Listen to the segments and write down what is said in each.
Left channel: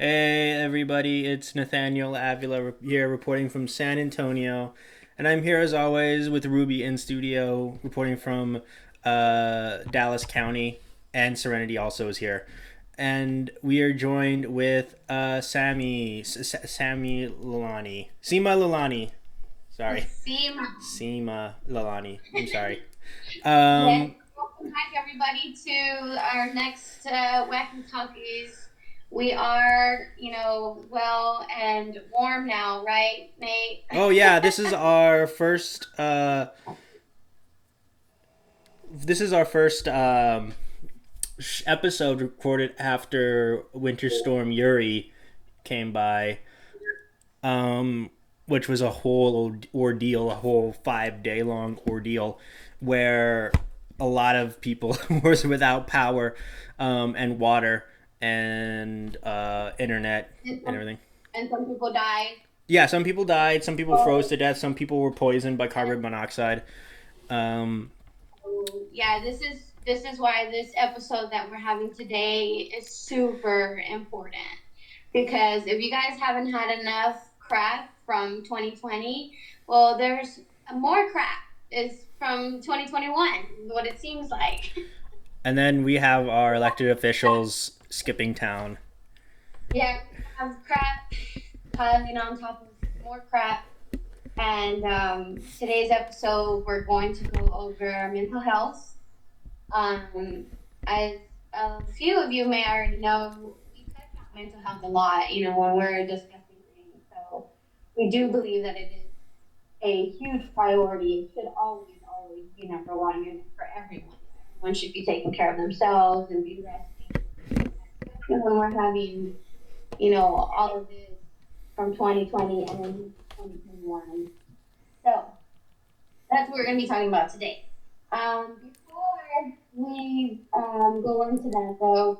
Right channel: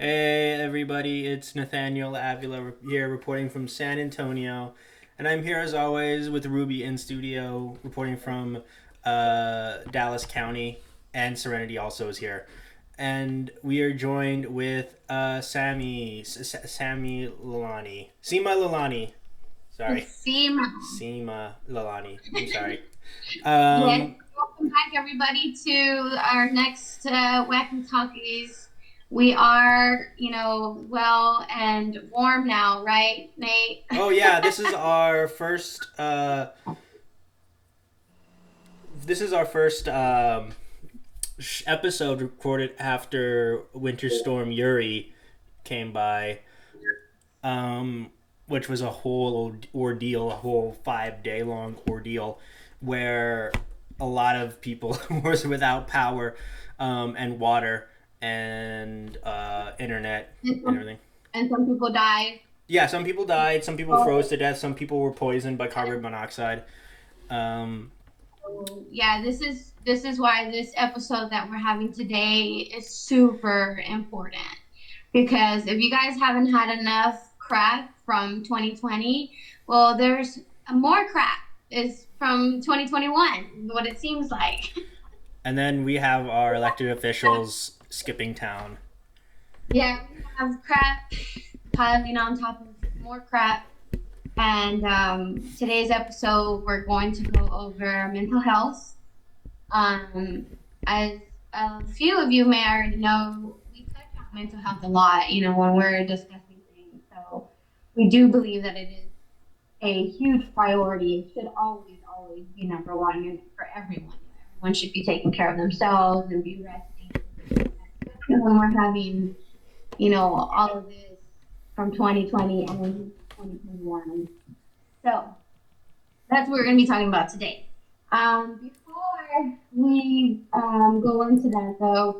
Hey everybody, it's Nathaniel Avila here reporting from San Antonio. And I'm here as always with Ruby in studio reporting from Dallas County, and Serenity also is here. And we are joined with Sammy Lalani. Seema Lalani. Sorry. Seema. Seema Lalani. I'm sorry. Yes. Um, Welcome back, everybody, to our next Wacky Talkies. We are, well and warm now, right, Nate? oh yeah, this is our first episode recorded after Winter Storm Uri came by, um, which was a whole ordeal, a whole 5 day long ordeal, where a lot of people was without power, and water and internet and, and some, everything. and some people died. Yeah, some people died, some people froze So, to death, some people were poisoned by carbon monoxide. Um, yeah, this is why this episode that we're having today is super important. Because if you guys haven't had enough crap from 2020, well, there's more crap is from 2021, what it seems like. and then we have our elected officials skipping town. Yeah, we have crap piling on top of more crap. And today's episode, we're going to go over mental health. Um, as a few of you may already know, we touch on mental health a lot, when we're discussing things. So we do believe that it is a huge priority. It should always, always be number one for everyone. Everyone should be taking care of themselves and be resting. Especially when we're having, all of this from 2020 and into 2021. So that's what we're going to be talking about today. Before we go into that, though,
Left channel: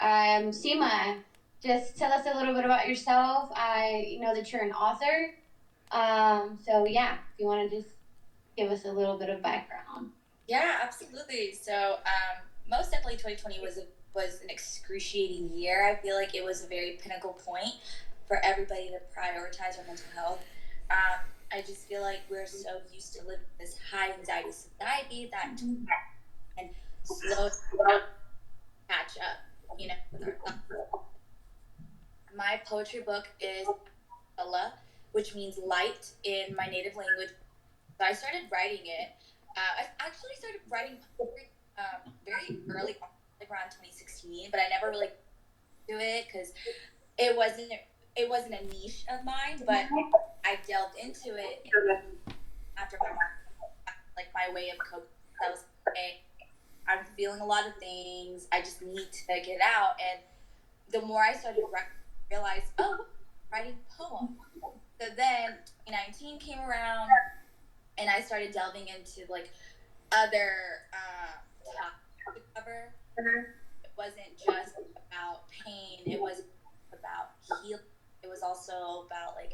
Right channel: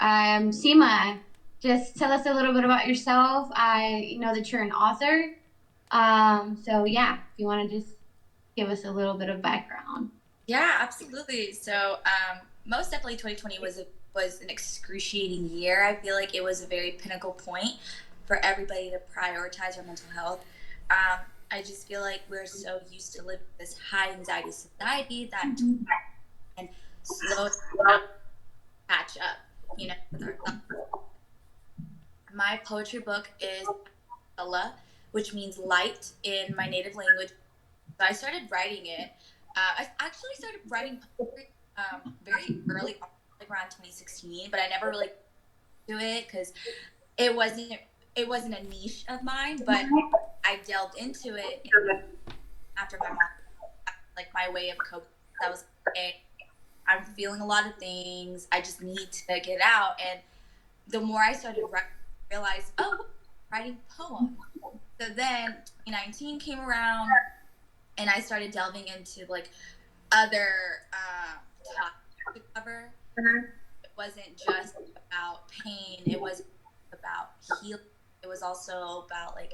Seema, just tell us a little bit about yourself. I know that you're an author. So yeah, if you want to just give us a little bit of background. Yeah, absolutely. So, most definitely 2020 was an excruciating year. I feel like it was a very pinnacle point for everybody to prioritize our mental health. I just feel like we're so used to living this high anxiety society that and slow catch up, with our thoughts. My poetry book is Avila, which means light in my native language. So I started writing it. I actually started writing poetry very early, like around 2016, but I never really do it because it wasn't it wasn't a niche of mine. But I delved into it after my mom, like my way of coping. That was okay. I'm feeling a lot of things. I just need to get it out. And the more I started writing, I realized, oh, writing poems. So then 2019 came around, and I started delving into like other topics to cover. It wasn't just about pain. It was about healing. It was also about like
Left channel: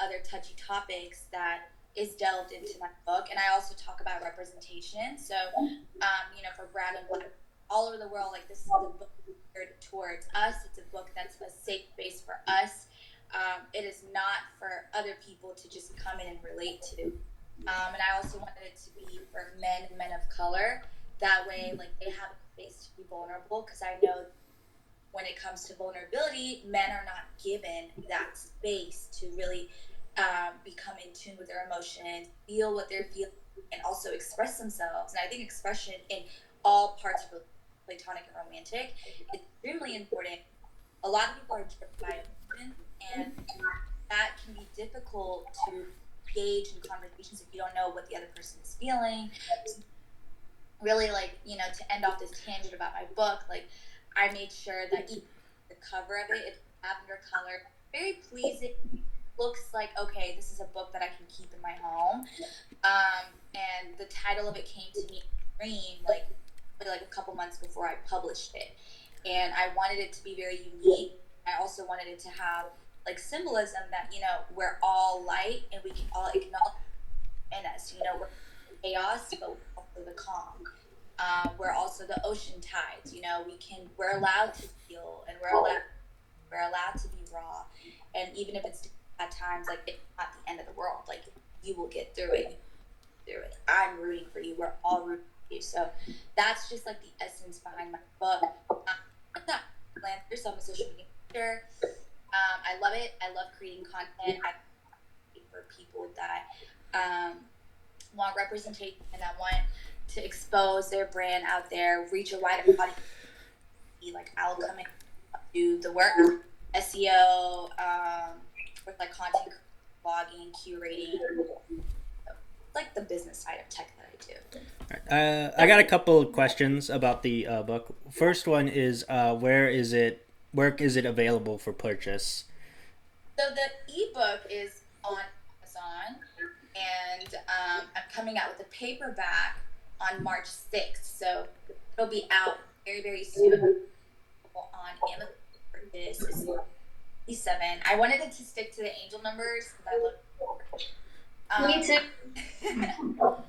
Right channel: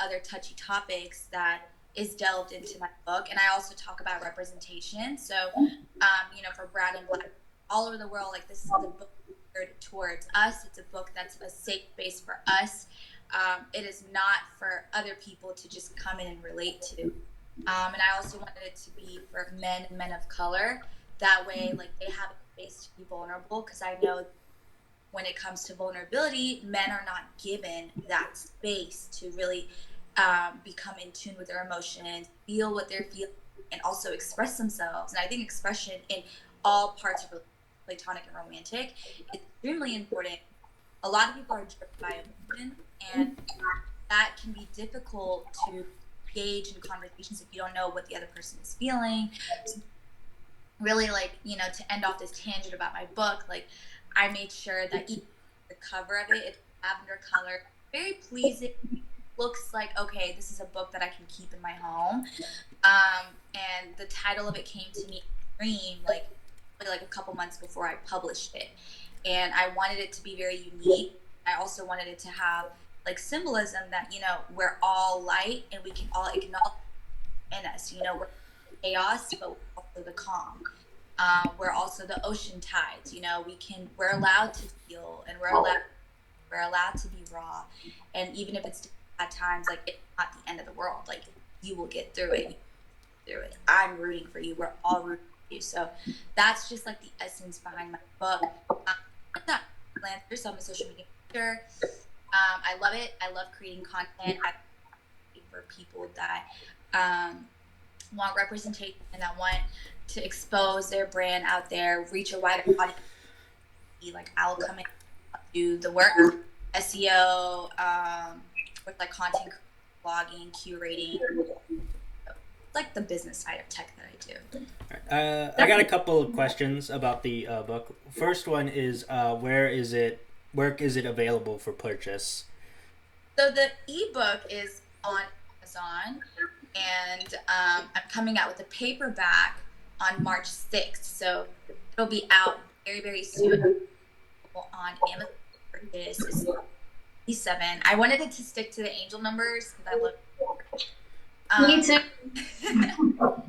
other touchy topics that is delved into my book. And I also talk about representation. So for brown and black all over the world, like this is a book geared towards us. It's a book that's a safe space for us. It is not for other people to just come in and relate to. And I also wanted it to be for men and men of color. That way, like they have a space to be vulnerable. Because I know when it comes to vulnerability, men are not given that space to really become in tune with their emotions, feel what they're feeling, and also express themselves. And I think expression in all parts of platonic and romantic is extremely important. A lot of people are driven by emotion, and that can be difficult to engage in conversations if you don't know what the other person is feeling. So really, like, to end off this tangent about my book, like, I made sure that even the cover of it, it's lavender color, very pleasing. Looks like, okay, this is a book that I can keep in my home. And the title of it came to me in a dream, like a couple months before I published it. And I wanted it to be very unique. I also wanted it to have like symbolism that, we're all light and we can all acknowledge in us. We're chaos, but we're also the calm. We're also the ocean tides. We're allowed to feel, and we're are allowed to be raw, and even if it's at times, like, it's not the end of the world. Like, you will get through it. I'm rooting for you. We're all rooting for you. So that's just like the essence behind my book. So I'm a social media manager. I love it. I love creating content for people that want representation and that want to expose their brand out there, reach a wider audience. Like, I'll come in, do the work, SEO, with like content, blogging, curating, like the business side of tech that I do. I got a couple of questions about the book. First one is where is it available for purchase? So the ebook is on Amazon, and I'm coming out with a paperback on March 6th. So it'll be out very, very soon on Amazon. This is 7. I wanted it to stick to the angel numbers because I love. Me too.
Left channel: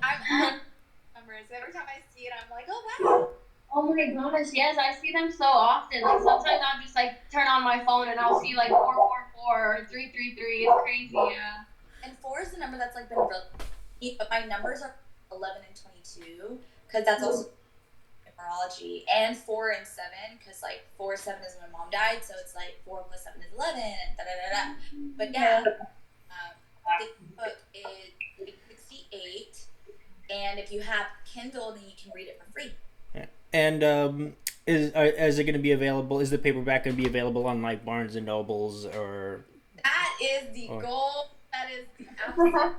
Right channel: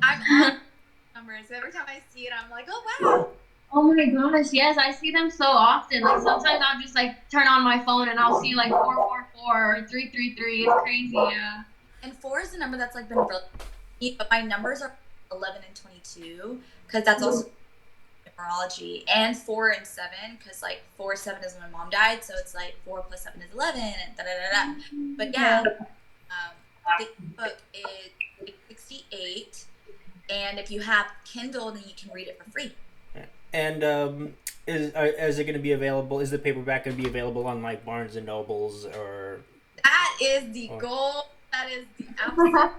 I'm on numbers. Every time I see it, I'm like, oh wow. Oh my gosh, yes, I see them so often. Like, sometimes I'll just like turn on my phone and I'll see like 444 or 333. It's crazy, yeah. And 4 is the number that's like been really, but my numbers are 11 and 22 because that's also numerology, and 4 and 7 because like 4, 7 is when my mom died, so it's like 4 plus 7 is 11 and da da da da. But yeah, the book is $68, and if you have Kindle, then you can read it for free. And is it going to be available? Is the paperback going to be available on like Barnes and Nobles or? That is the goal. That is the absolute goal.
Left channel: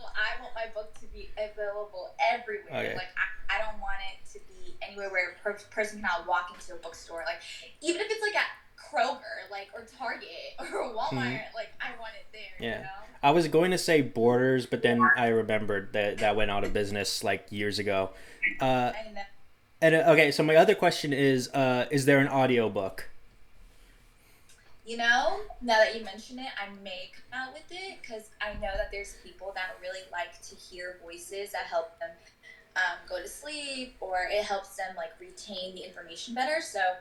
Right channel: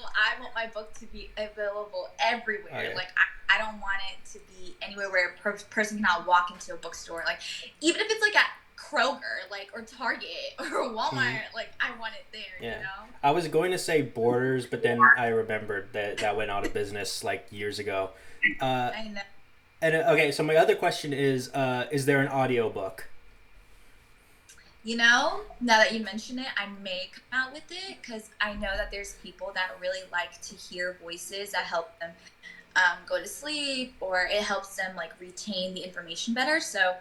I want my book to be available everywhere. Okay. Like, I don't want it to be anywhere where a person cannot walk into a bookstore. Like, even if it's like at Kroger, like, or Target or Walmart, like, I want it there. Yeah. You know. I was going to say Borders, but then I remembered that went out of business like years ago. I know. And okay, so my other question is there an audiobook? You know, now that you mention it, I may come out with it because I know that there's people that really like to hear voices that help them go to sleep, or it helps them like retain the information better. So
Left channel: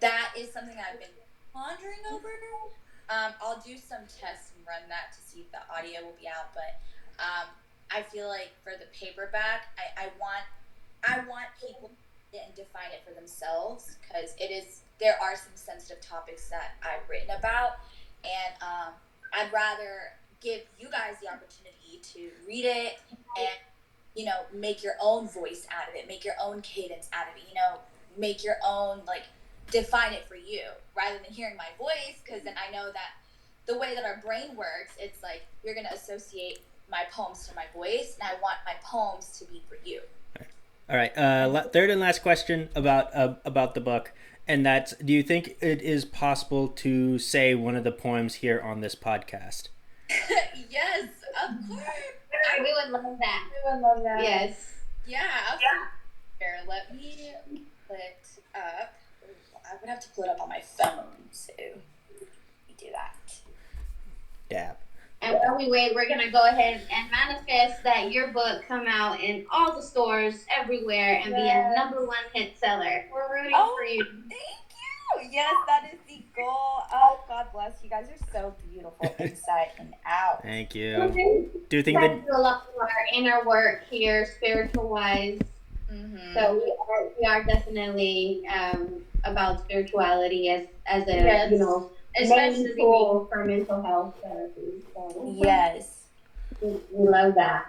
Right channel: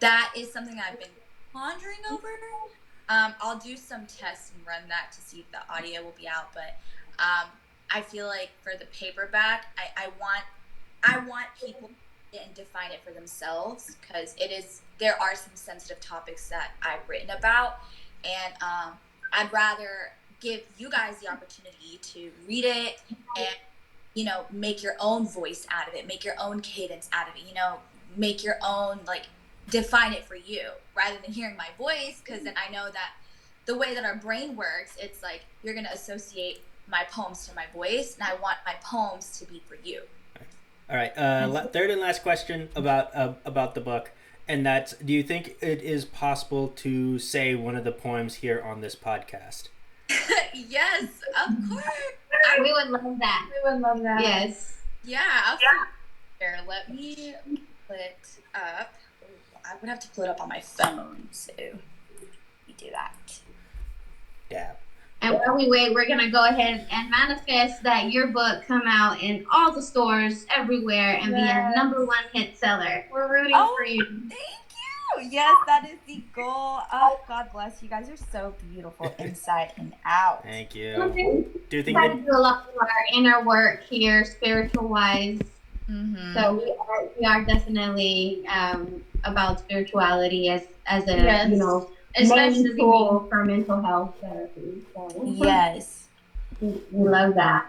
that is something I've been pondering over. I'll do some tests and run that to see if the audio will be out. But I feel like for the paperback, I want people to define it for themselves, because there are some sensitive topics that I've written about, and I'd rather give you guys the opportunity to read it and, you know, make your own voice out of it, make your own cadence out of it, you know, make your own, like, define it for you rather than hearing my voice, because then I know that the way that our brain works, it's like you're going to associate my poems to my voice, and I want my poems to be for you. All right. Third and last question about the book, and that's: do you think it is possible to say one of the poems here on this podcast? Yes, of course. We would love that. We would love that. Yes. Yeah. Here, let me put it up. I would have to pull it up on my phone, so let me do that. Yeah. And while we wait, we're going to go ahead and manifest that your book come out in all the stores everywhere and be a #1 hit seller. We're rooting for you. Thank you. Yes, that is the goal. Oh, God bless you guys. Are so beautiful inside and out. Thank you. Do you think that? Do a lot of our inner work here, spiritual wise. Mm-hmm. So we are definitely about spirituality as a you know, especially tool for mental health therapy. So yes, we love that.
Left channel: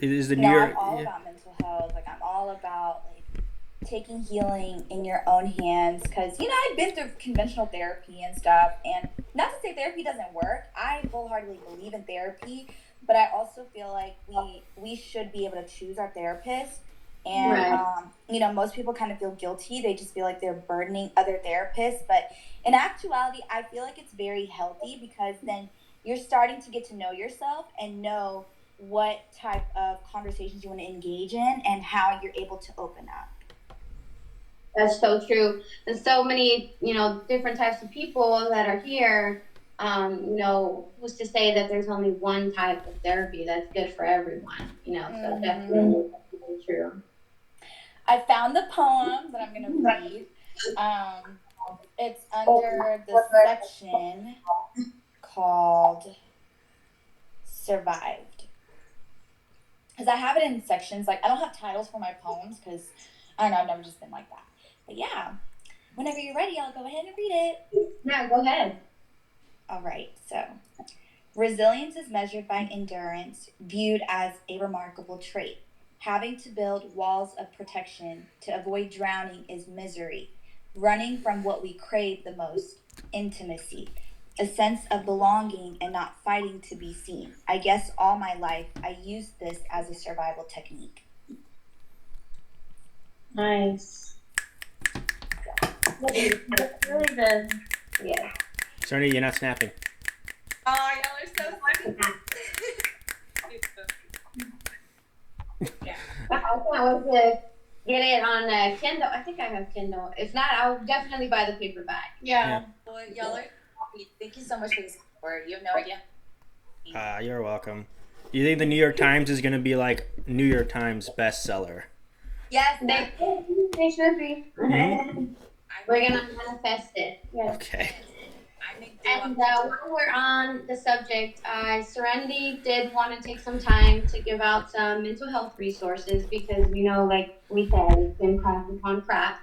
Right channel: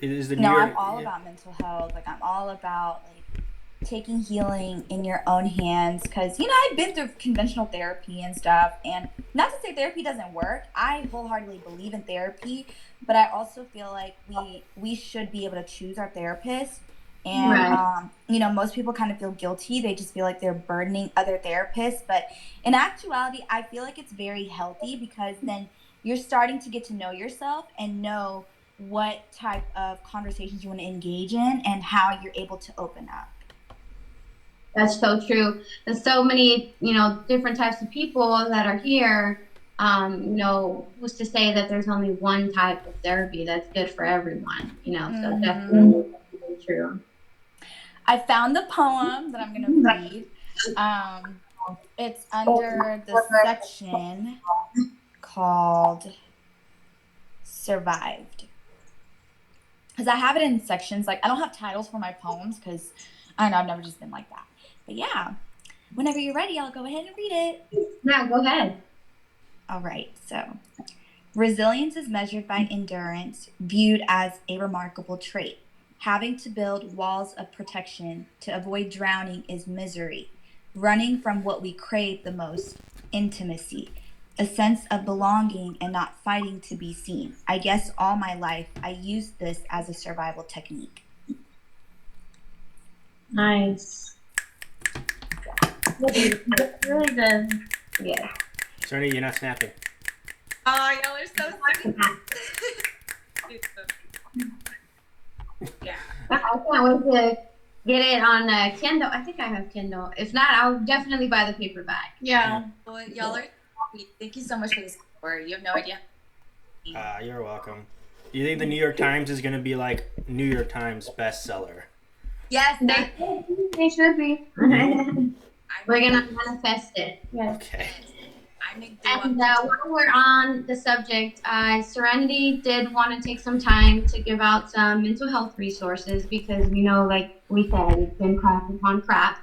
It is the I'm all about mental health. Like, I'm all about like taking healing in your own hands, because, you know, I've been through conventional therapy and stuff, and not to say therapy doesn't work. I wholeheartedly believe in therapy, but I also feel like we should be able to choose our therapist. And, right. You know, most people kind of feel guilty. They just feel like they're burdening other therapists. But in actuality, I feel like it's very healthy, because then you're starting to get to know yourself and know what type of conversations you want to engage in and how you're able to open up. That's so true. There's so many, you know, different types of people that are here. You know, who's to say that there's only one type of therapy that's good for everyone, you know, so definitely true. I found the poem that I'm going to read. It's under the section called Survived. Because I have it in sections. Like, I don't have titles for my poems because, I don't know, I've never just been like that. But yeah, whenever you're ready, I'll go ahead and read it. Yeah, go ahead. All right, so resilience is measured by endurance, viewed as a remarkable trait. Having to build walls of protection to avoid drowning is misery. Running from what we crave the most, intimacy, a sense of belonging and not fighting to be seen. I guess all my life I used this as a survival technique. Nice. That's really good. Yeah. Serenity, you're not snapping. Oh, y'all are so sweet. Yeah. I can't wait to get it on Kindle. I think I have Kindle. If not, I'll definitely buy the paperback. Yeah. Well, y'all are sweet. Thank you so much for this support. You have no idea. You're welcome. You think the New York Times is going to be like New York Times bestseller? Yes, They should be. Mhm. We're going to manifest it. Yes. Okay. And while we're on the subject, Serenity did want to take some time to give out some mental health resources because, like we said, it's been crap upon crap.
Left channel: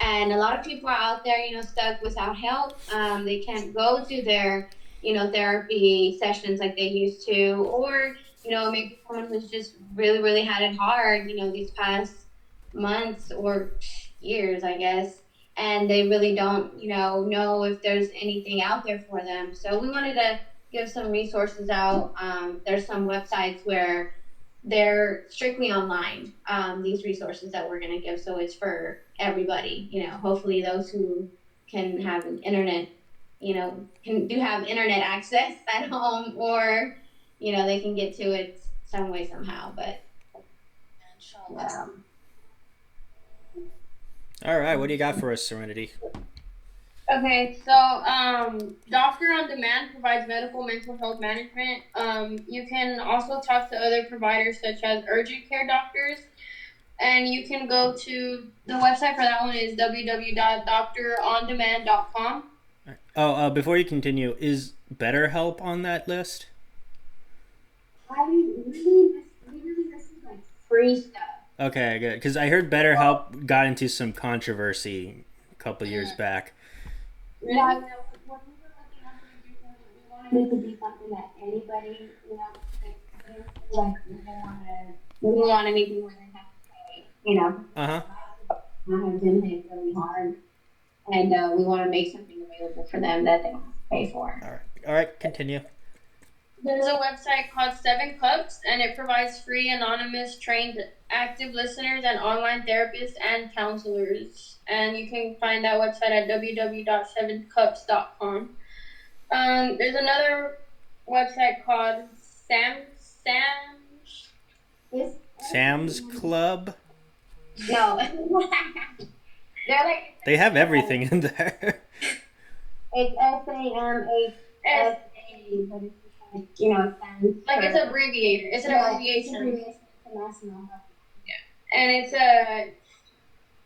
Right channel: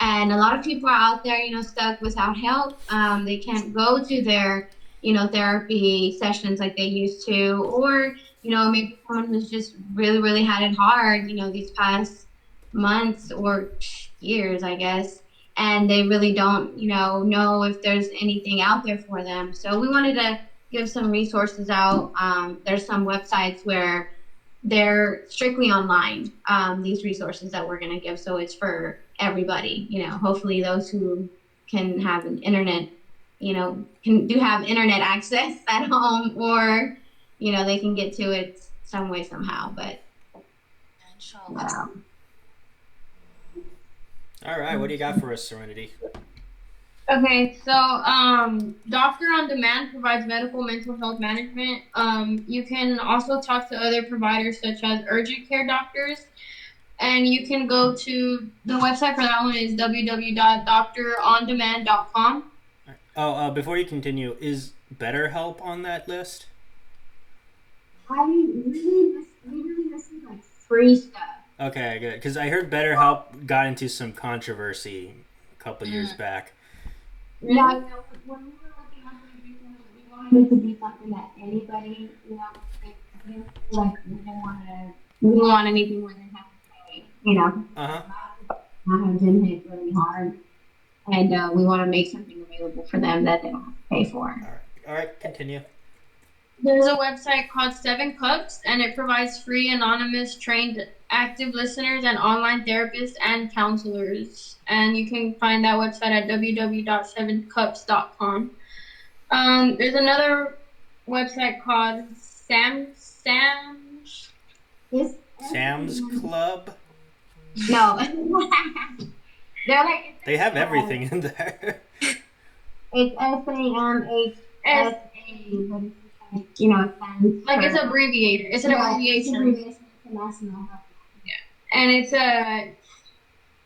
And a lot of people are out there, stuck without help. They can't go to their, therapy sessions like they used to. Or, maybe someone who's just really, really had it hard, these past months or years, I guess. And they really don't, know if there's anything out there for them. So we wanted to give some resources out. There's some websites where they're strictly online, these resources that we're going to give. So it's for everybody, hopefully those who can have an internet, do have internet access at home or, they can get to it some way, somehow. But All right, what do you got for us, Serenity? Okay, so Doctor on Demand provides medical mental health management. You can also talk to other providers such as urgent care doctors. And you can go to the website for that one is www.doctorondemand.com. Oh, before you continue, is BetterHelp on that list? We really listen like free stuff. Okay, good. Because I heard BetterHelp got into some controversy a couple years back. Yeah, when we were looking up the resources, we wanted it to be something that anybody, we didn't want anything where they have to pay, Uh-huh. have been hit really hard. And we want to make something available for them that they don't have to pay for. All right, continue. There's a website called 7 Cups, and it provides free, anonymous, trained, active listeners and online therapists and counselors. And you can find that website at www.7cups.com. There's another website called Sam's Club? No. They're like... They have everything in there. It's SAMHSA, but it's like it's abbreviated. It's an abbreviation. And it's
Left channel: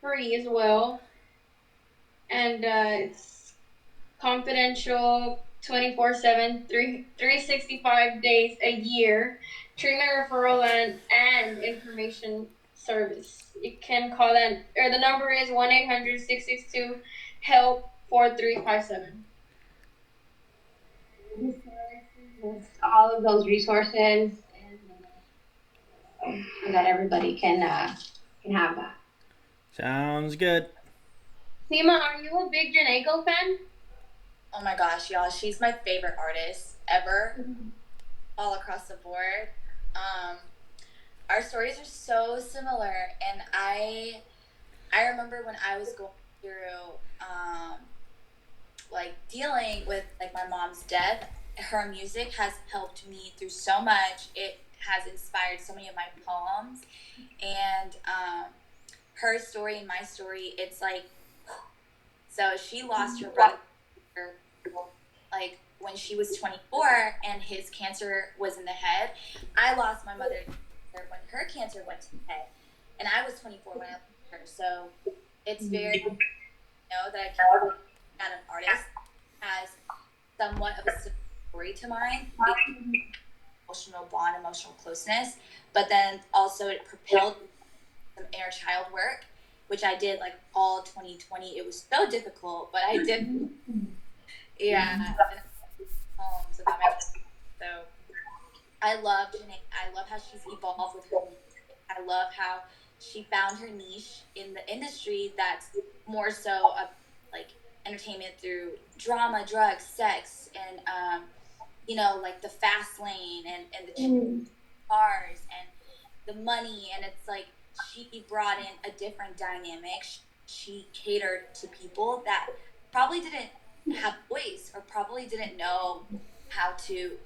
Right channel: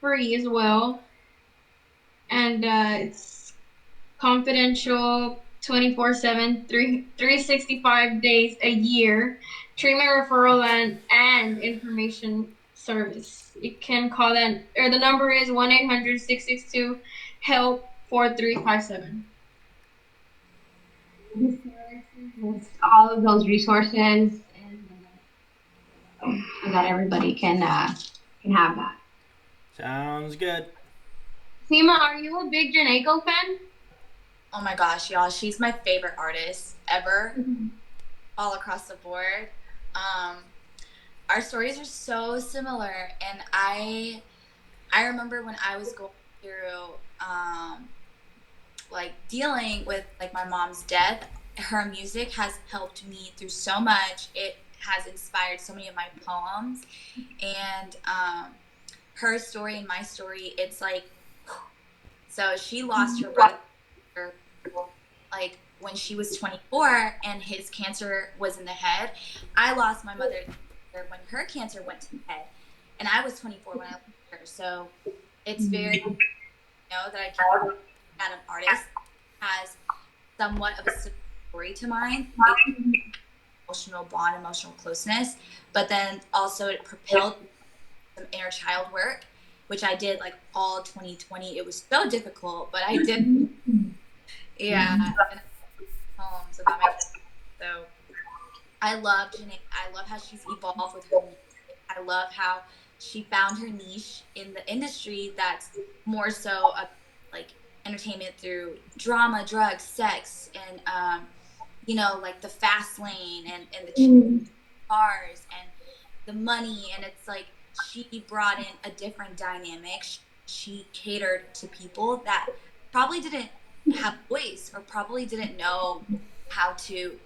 free as well. And it's confidential 24/7, 365 days a year. Treatment referral and information service. You can call that, or the number is 1-800-662-HELP-4357. All of those resources, and so that everybody can have that. Sounds good. Seema, are you a big Janaeko fan? Oh my gosh, y'all, she's my favorite artist ever, all across the board. Our stories are so similar, and I remember when I was going through like dealing with like my mom's death, her music has helped me through so much. It has inspired so many of my poems, and her story and my story, it's like, so she lost her brother like when she was 24 and his cancer was in the head. I lost my mother when her cancer went to the head, and I was 24 when I lost her. So it's very, that I can kind of artist has somewhat of a similar story to mine. Emotional bond, emotional closeness, but then also it propelled some inner child work, which I did like all 2020. It was so difficult, but I did. Yeah, and poems about my. So I love Janae. I love how she's evolved with her music. I love how she found her niche in the industry that's more so a, like entertainment through drama, drugs, sex, and like the fast lane and the cars and the money. And it's like she brought in a different dynamic. She catered to people that probably didn't have a voice or probably didn't know how to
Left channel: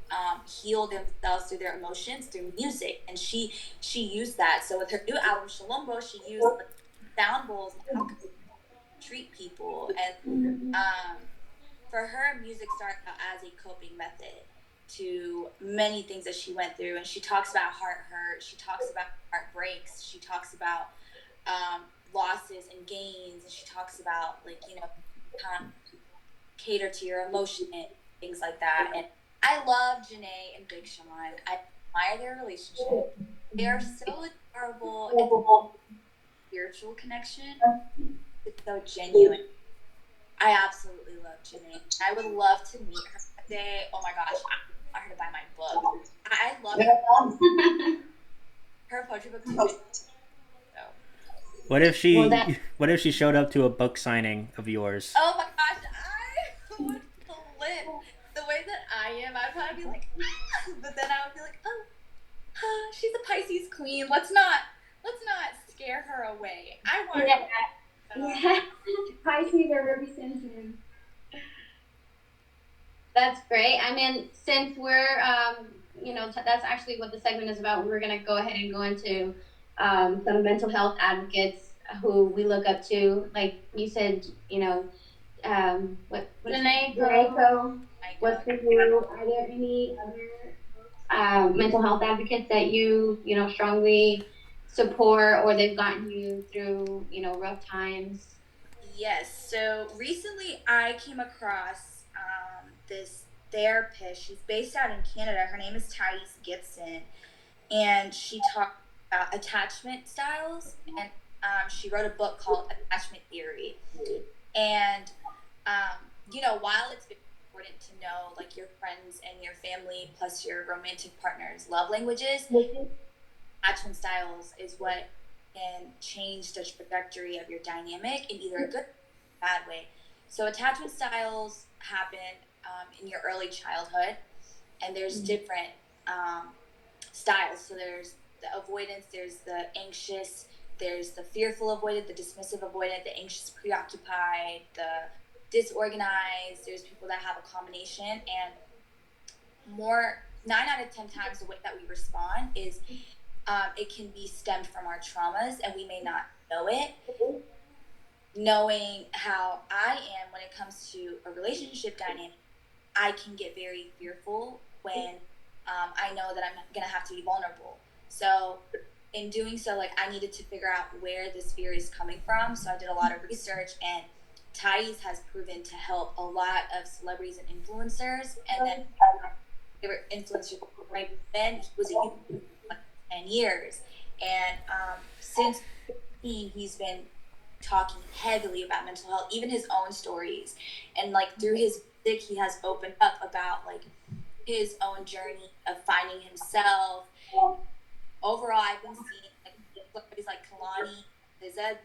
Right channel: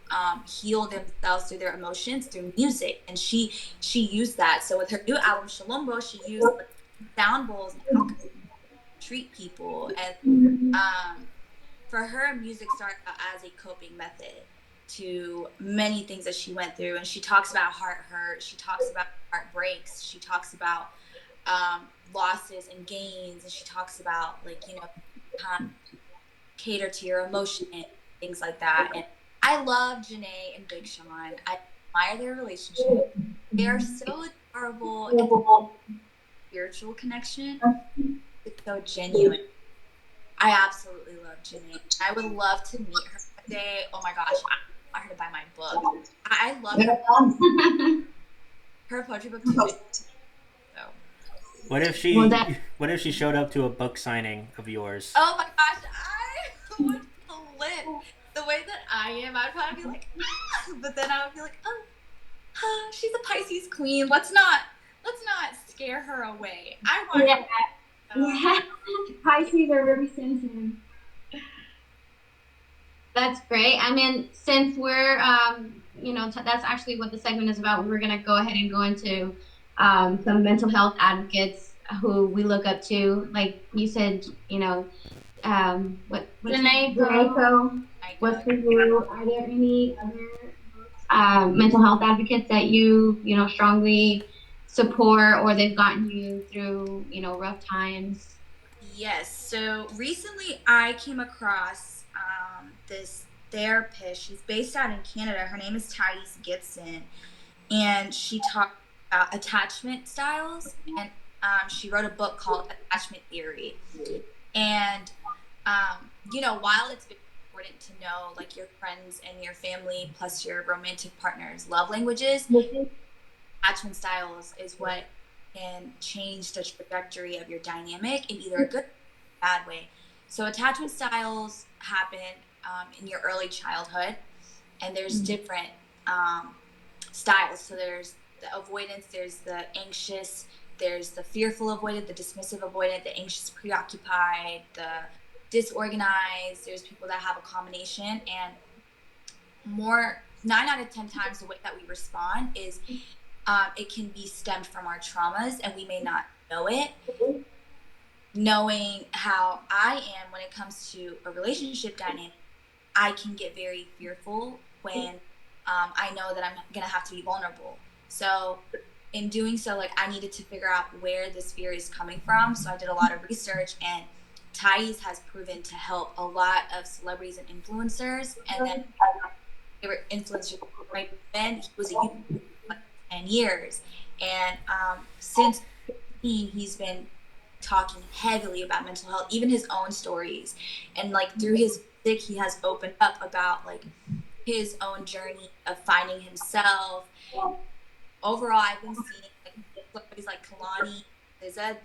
heal themselves through their emotions through music, and she used that. So with her new album Shalombo, she used like, sound bowls and how to treat people. And for her, music started out as a coping method to many things that she went through. And she talks about heart hurt, she talks about heartbreaks, she talks about losses and gains, and she talks about cater to your emotion and things like that. And I love Janae and Big Sean. I admire their relationship. They are so adorable, and spiritual connection. It's so genuine. I absolutely love Janae. I would love to meet her one day. Oh my gosh, I want her to buy my book. I love her poetry book too. So. What if she showed up to a book signing of yours? Oh my gosh, I would flip. The way that I am, I'd probably be like, but then I would be like, she's a Pisces queen. Let's not scare her away. I want her. Yeah. Pisces are really sensitive. That's great. I mean, since we're, that's actually what the segment is about. We're going to go ahead and go into some mental health advocates who we look up to. Like you said, Janae what's for you? Are there any other mental health advocates that you strongly support, or they've gotten you through, rough times? Yes. So recently I came across this therapist. She's based out in Canada. Her name is Thais Gibson. And she talked about attachment styles. And she wrote a book called Attachment Theory. And, while it's important to know like your friends and your family plus your romantic partner's love languages, attachment styles is what can change the trajectory of your dynamic in either a good or bad way. So attachment styles happen in your early childhood, and there's different styles. So there's the avoidance, there's the anxious, there's the fearful avoidant, the dismissive avoidant, the anxious preoccupied, the disorganized. There's people that have a combination, and 9 out of 10 times the way that we respond is it can be stemmed from our traumas, and we may not know it. Knowing how I am when it comes to a relationship dynamic, I can get very fearful when I know that I'm going to have to be vulnerable. So in doing so, like, I needed to figure out where this fear is coming from. So I did a lot of research, and Thais has proven to help a lot of celebrities and influencers. And then they were influencers right then. He was a youth for 10 years. And since he's been talking heavily about mental health, even his own stories. And like through his music, he has opened up about like his own journey of finding himself. Overall, I've been seeing like celebrities like Kalani, Liza,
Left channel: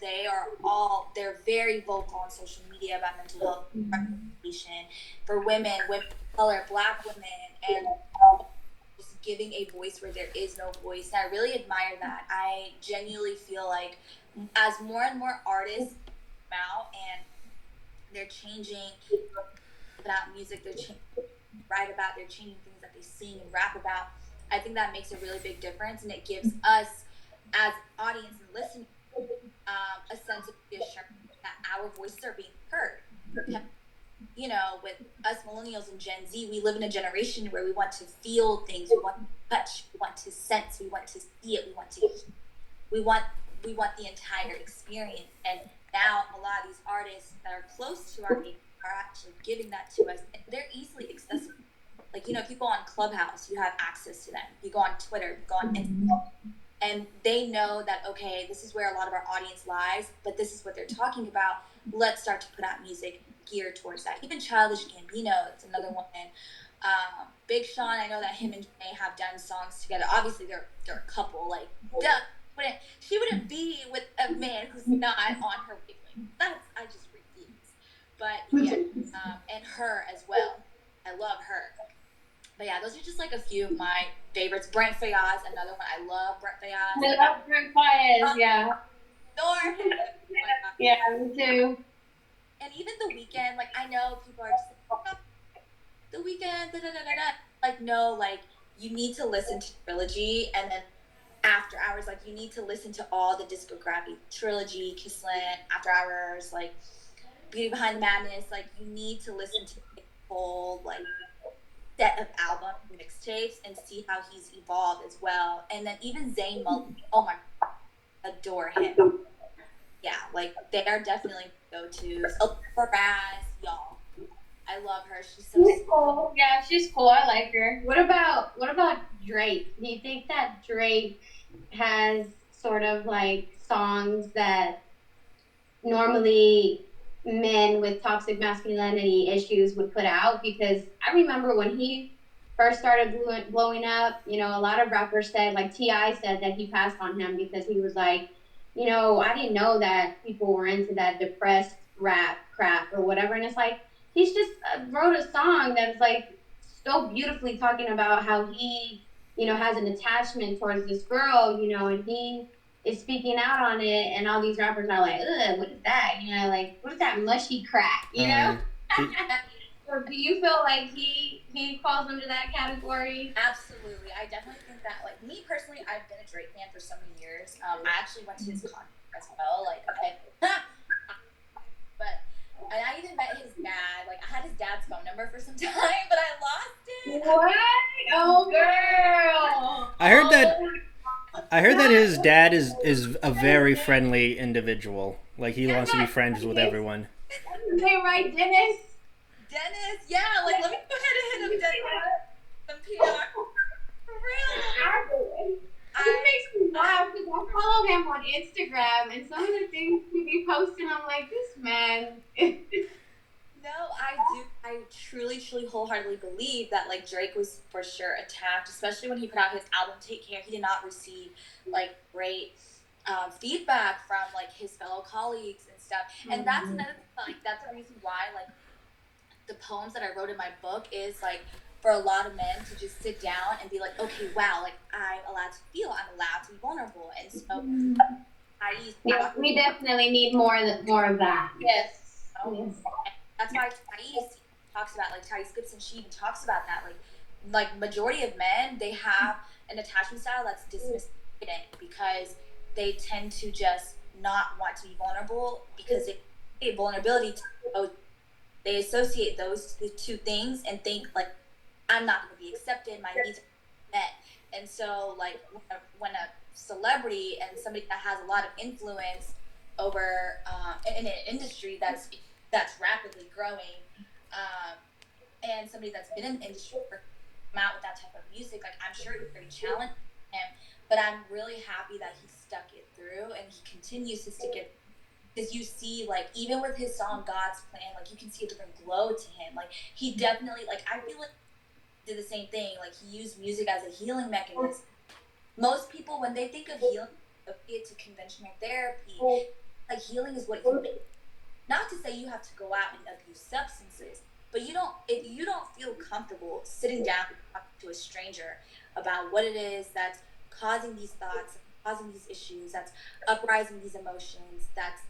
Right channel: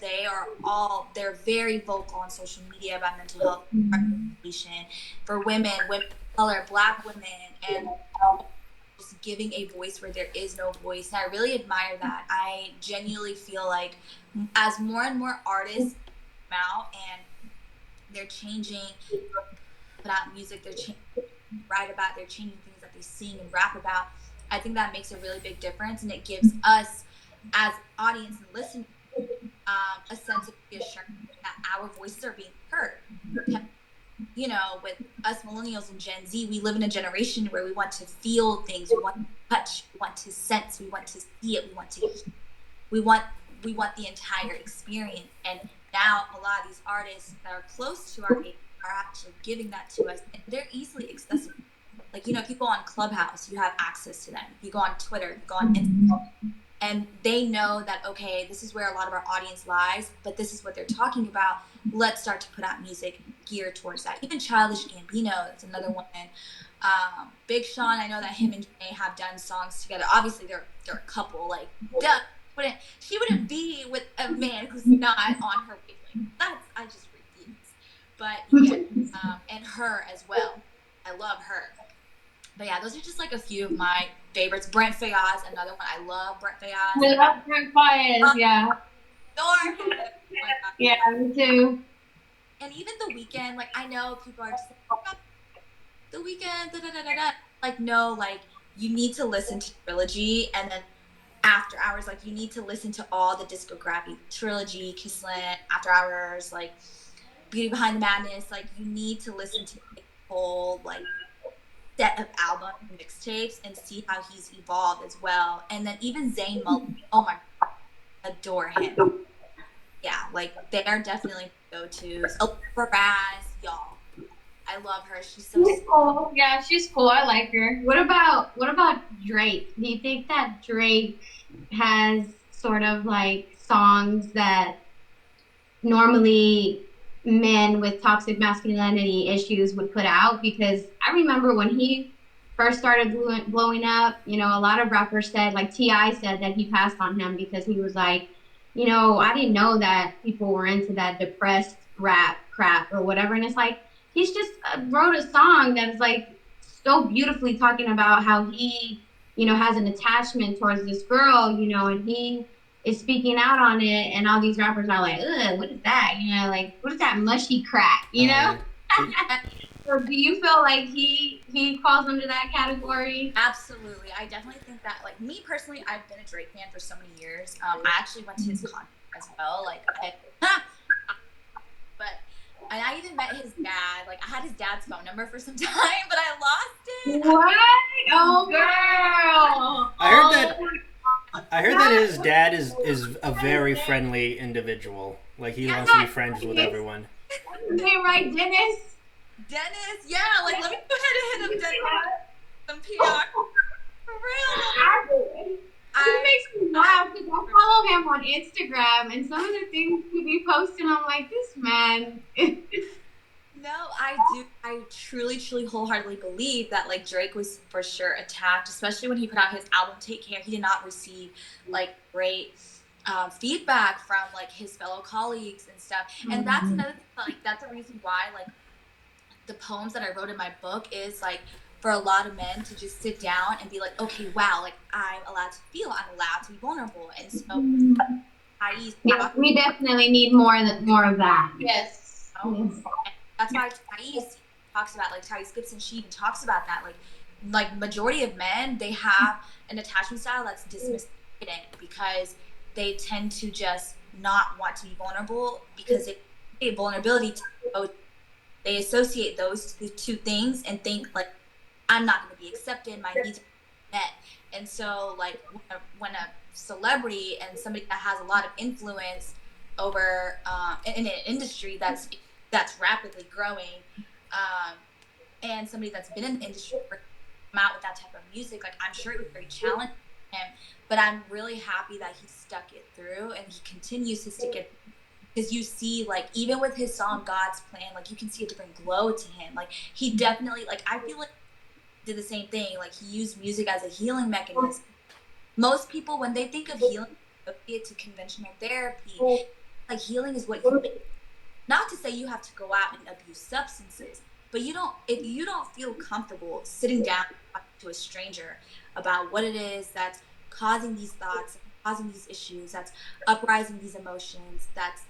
they're very vocal on social media about mental health representation for women of color, Black women, and just giving a voice where there is no voice. And I really admire that. I genuinely feel like as more and more artists come out and they're changing, put out music, they're write about, they're changing things that they sing and rap about, I think that makes a really big difference, and it gives us as audience and listeners a sense of reassurance that our voices are being heard. With us millennials and Gen Z, we live in a generation where we want to feel things, we want to touch, we want to sense, we want to see it, we want the entire experience. And now a lot of these artists that are close to our age are actually giving that to us, and they're easily accessible. Like, you know, people on Clubhouse, you have access to them. You go on Twitter, you go on Instagram, and they know that, okay, this is where a lot of our audience lies, but this is what they're talking about. Let's start to put out music geared towards that. Even Childish Gambino, that's another one. Big Sean, I know that him and Janae have done songs together. Obviously, they're a couple. Like, she wouldn't be with a man who's not on her wavelength. I just refuse. But yeah, and her as well. I love her. But yeah, those are just like a few of my favorites. Brent Fayaz, another one. I love Brent Fayaz. I love Brent Fayaz, yeah. Adore him. Yeah, me too. And even The Weeknd, like, I know people are just like, oh, The Weeknd, da da da da da. Like, no, like, you need to listen to Trilogy, and then After Hours, like, you need to listen to all the discography. Trilogy, Kissland, After Hours, like, Beauty Behind the Madness. Like, you need to listen to the whole, like, set of album mixtapes and see how he's evolved as well. And then even Zayn Malik, oh my God, adore him. Yeah, like, they are definitely go-tos. For Raz, y'all, I love her. She's cool. Yeah, she's cool. I like her. What about Drake? Do you think that Drake has sort of like songs that normally men with toxic masculinity issues would put out? Because I remember when he first started blowing up, you know, a lot of rappers said, like T.I. said, that he passed on him because he was like, you know, I didn't know that people were into that depressed rap crap or whatever. And it's like, he's just wrote a song that's like so beautifully talking about how he, you know, has an attachment towards this girl, you know, and he is speaking out on it, and all these rappers are like, ugh, what is that? You know, like, what is that mushy crack, you know? So do you feel like he falls under that category? Absolutely. I definitely think that, like, me personally, I've been a Drake fan for so many years. I actually went to his concert as well. Like, and I even met his dad. Like, I had his dad's phone number for some time, but I lost it. What? Oh, girl. I heard that his dad is a very friendly individual. Like, he wants to be friends with everyone. Is that right, Dennis? Dennis, yeah. Like, let me go ahead and hit him, Dennis. Some PR. For real. It makes me laugh because I follow him on Instagram, and some of the things he be posting, I'm like, this man. No, I do. I truly, wholeheartedly believe that, like, Drake was for sure attacked, especially when he put out his album Take Care. He did not receive, like, great feedback from, like, his fellow colleagues and stuff. And that's another thing, like, that's the reason why, like, the poems that I wrote in my book is, like, for a lot of men to just sit down and be like, okay, wow, like, I'm allowed to feel, I'm allowed to be vulnerable. And so we definitely need more of that. Yes. That's why Thais talks about, like, Thais Gibson, she even talks about that. Like majority of men, they have an attachment style that's dismissive because they tend to just not want to be vulnerable because vulnerability, they associate those two things and think, like, I'm not going to be accepted, my needs are met. And so, like, when a celebrity and somebody that has a lot of influence over in an industry that's rapidly growing, and somebody that's been in the industry for come out with that type of music, like, I'm sure it was very challenging for him, but I'm really happy that he stuck it through and he continues to stick it, because you see, like, even with his song God's Plan, like, you can see a different glow to him. Like, he definitely, like, I feel like did the same thing. Like, he used music as a healing mechanism. Most people, when they think of healing, associate to conventional therapy. Like, healing is what you make. Not to say you have to go out and abuse substances, but if you don't feel comfortable sitting down and talking to a stranger about what it is that's causing these thoughts, causing these issues, that's uprising these emotions, that's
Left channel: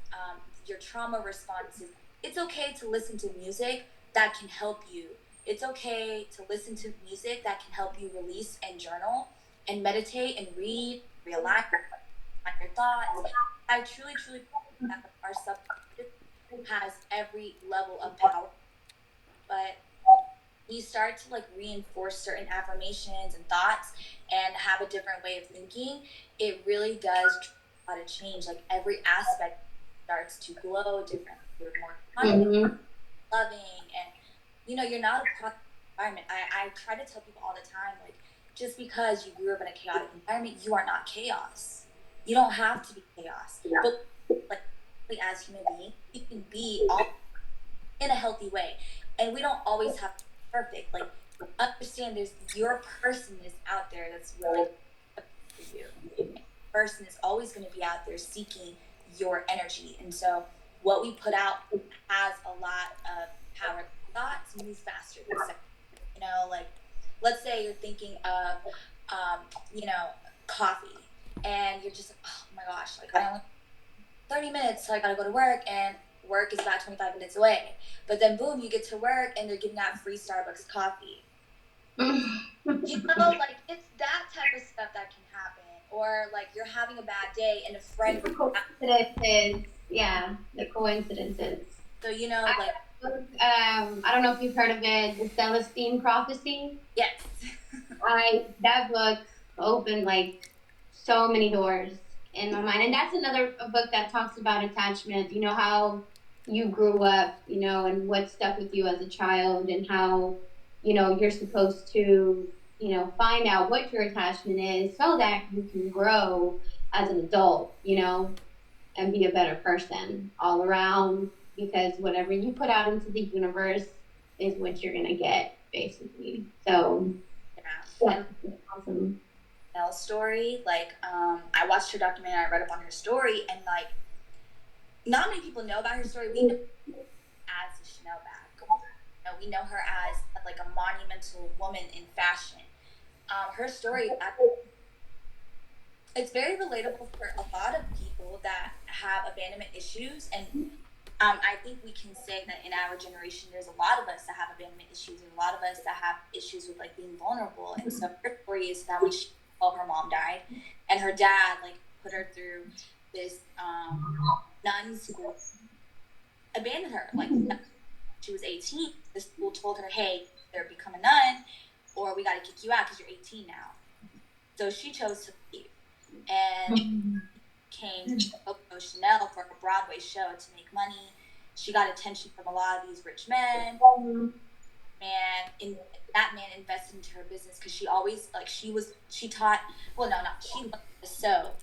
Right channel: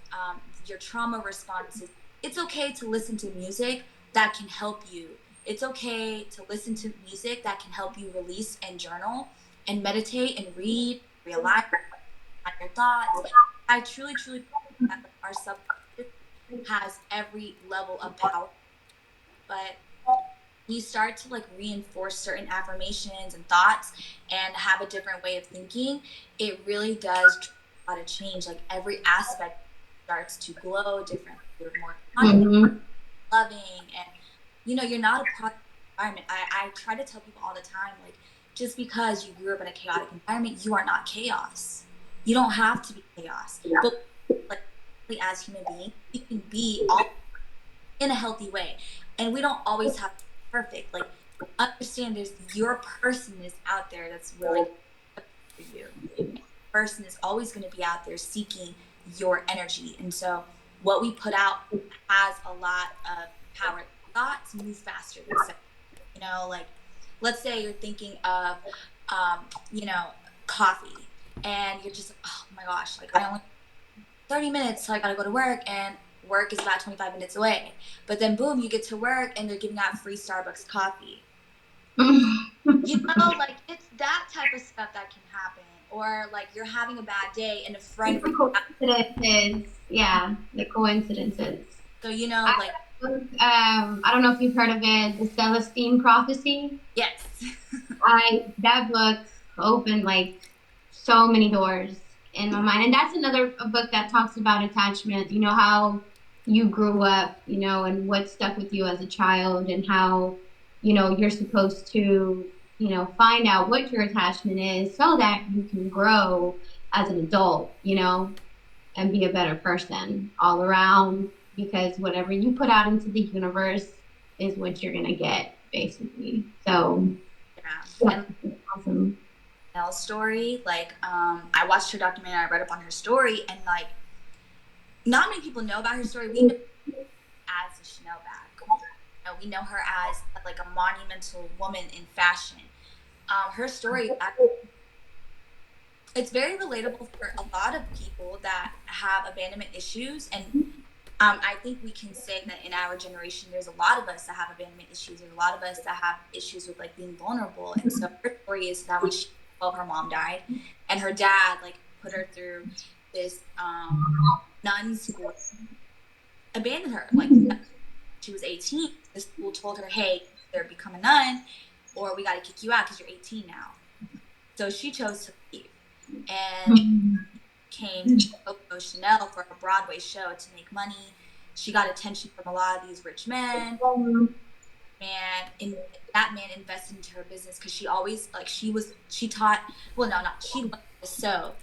your trauma responses, it's okay to listen to music that can help you. It's okay to listen to music that can help you release and journal and meditate and read, realize your thoughts. I truly believe that our subconscious has every level of power, but you start to, like, reinforce certain affirmations and thoughts and have a different way of thinking, it really does a lot of change. Like, every aspect starts to glow differently, more confident. loving, and you're not a product of the environment. I try to tell people all the time, like, just because you grew up in a chaotic environment, you are not chaos. You don't have to be chaos. Yeah. But like, as human beings, we can be all in a healthy way, and we don't always have to be perfect. Like, understand there's your person is out there that's really for you. Person is always going to be out there seeking your energy, and so what we put out has a lot of power. Thoughts move faster than seconds. Like, let's say you're thinking of coffee, and you're just like, oh my gosh, like, I only 30 minutes, so I gotta go to work, and work is about 25 minutes away. But then boom, you get to work and they're giving out free Starbucks coffee. Like, it's that type of stuff that can happen. Or like, you're having a bad day and a friend the coincidences. Yeah, the coincidences. So I don't know if you've heard of it, the Celestine Prophecy. Yes. That book opened like so many doors in my mind, and that's another book that talks about attachment. How you grew up, and what stuck with you as a child, and how you're supposed to find out what your attachment is so that you can grow as an adult, and be a better person all around, because whatever you put out into the universe is what you're gonna get, basically. So yeah. Awesome. Chanel's story, like, I watched her documentary, I read up on her story, and like, not many people know about her story. We know as a Chanel bag. We know her as like a monumental woman in fashion. Her story, it's very relatable for a lot of people that have abandonment issues, and I think we can say that in our generation, there's a lot of us that have abandonment issues. There's a lot of us that have issues with like being vulnerable, and so her story is that when her mom died, and her dad like put her through this nun school, abandoned her. Like, she was 18. The school told her, "Hey, either become a nun, or we got to kick you out because you're 18 now." So she chose to leave, and came to Coco Chanel for a Broadway show to make money. She got attention from a lot of these rich men, and that man invested into her business because she always she learned to sew.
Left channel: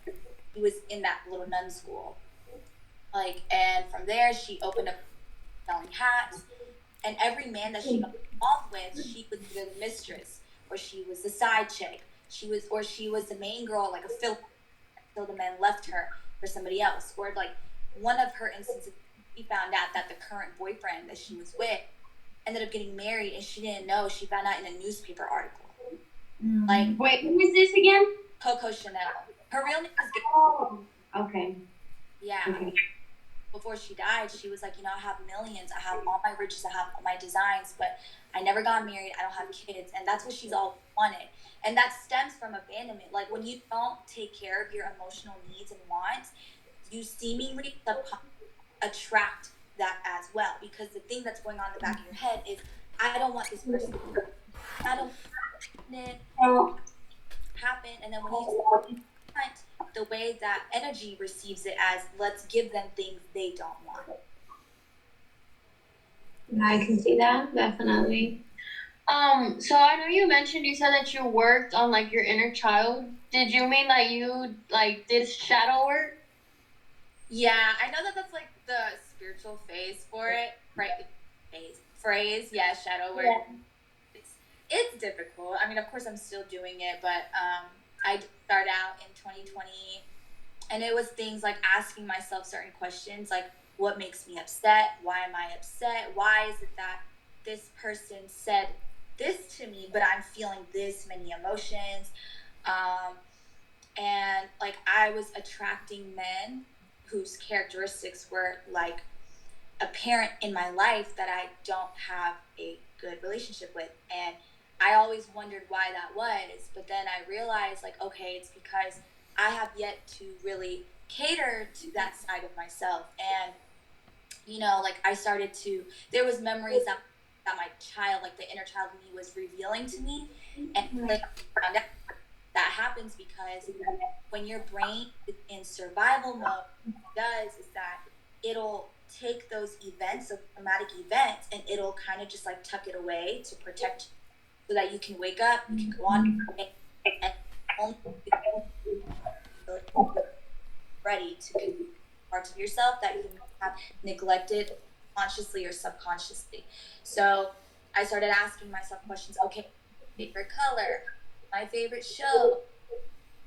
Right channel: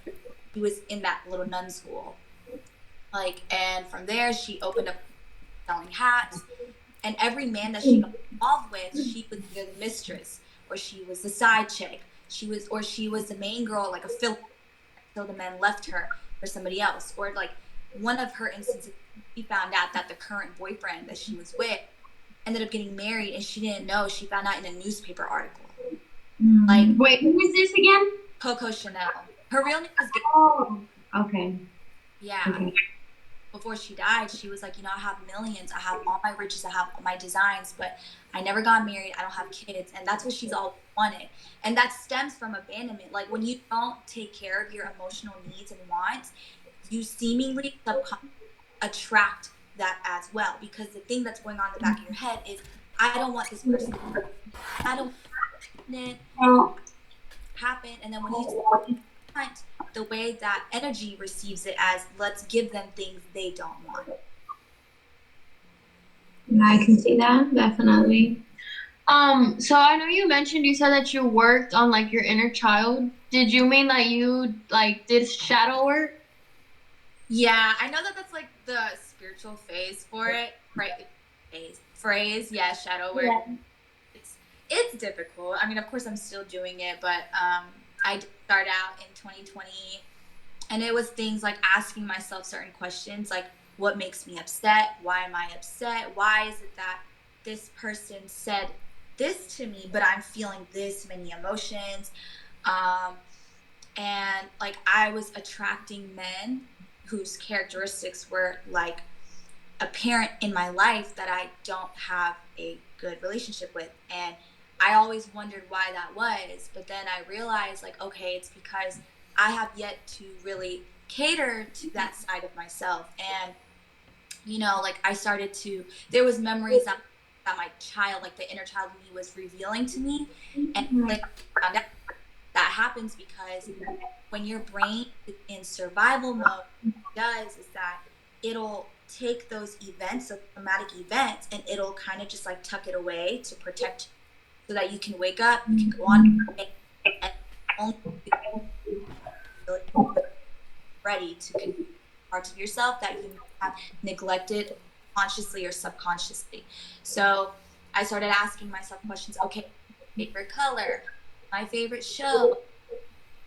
He was in that little nun school, and from there she opened up selling hats, and every man that she got involved with, she was either the mistress, or she was the side chick, she was the main girl, like a filler, until the men left her for somebody else. Or like, one of her instances, she found out that the current boyfriend that she was with ended up getting married, and she didn't know. She found out in a newspaper article. Like, wait, who is this again? Coco Chanel. Her real name is Oh, okay. Yeah. Okay. Before she died, she was like, I have millions, I have all my riches, I have all my designs, but I never got married, I don't have kids. And that's what she's always wanted. And that stems from abandonment. Like, when you don't take care of your emotional needs and wants, you seemingly attract that as well. Because the thing that's going on in the back of your head is, I don't want this person to happen. And then when you want, the way that energy receives it as, let's give them things they don't want. I can see that, definitely. So I know you said that you worked on like your inner child. Did you mean that you like did shadow work? Yeah, I know that that's like the spiritual phase for it, right? Phrase, yeah, shadow work. Yeah. It's difficult. I mean, of course I'm still doing it, but I did start out in 2020, and it was things like asking myself certain questions, like, what makes me upset? Why am I upset? Why is it that this person said this to me, but I'm feeling this many emotions? And like, I was attracting men whose characteristics were like a parent in my life that I don't have a good relationship with. And I always wondered why that was, but then I realized, like, okay, it's because I have yet to really cater to that side of myself. And, like, I started to, there was memories that my child, like the inner child in me, was revealing to me. And like, found out that happens because when your brain is in survival mode, what it does is that it'll take those events, those traumatic events, and it'll kind of just like tuck it away to protect you, so that you can wake up, you can go on and only ready to connect parts of yourself that you have neglected consciously or subconsciously. So I started asking myself questions. Okay, favorite color, my favorite show,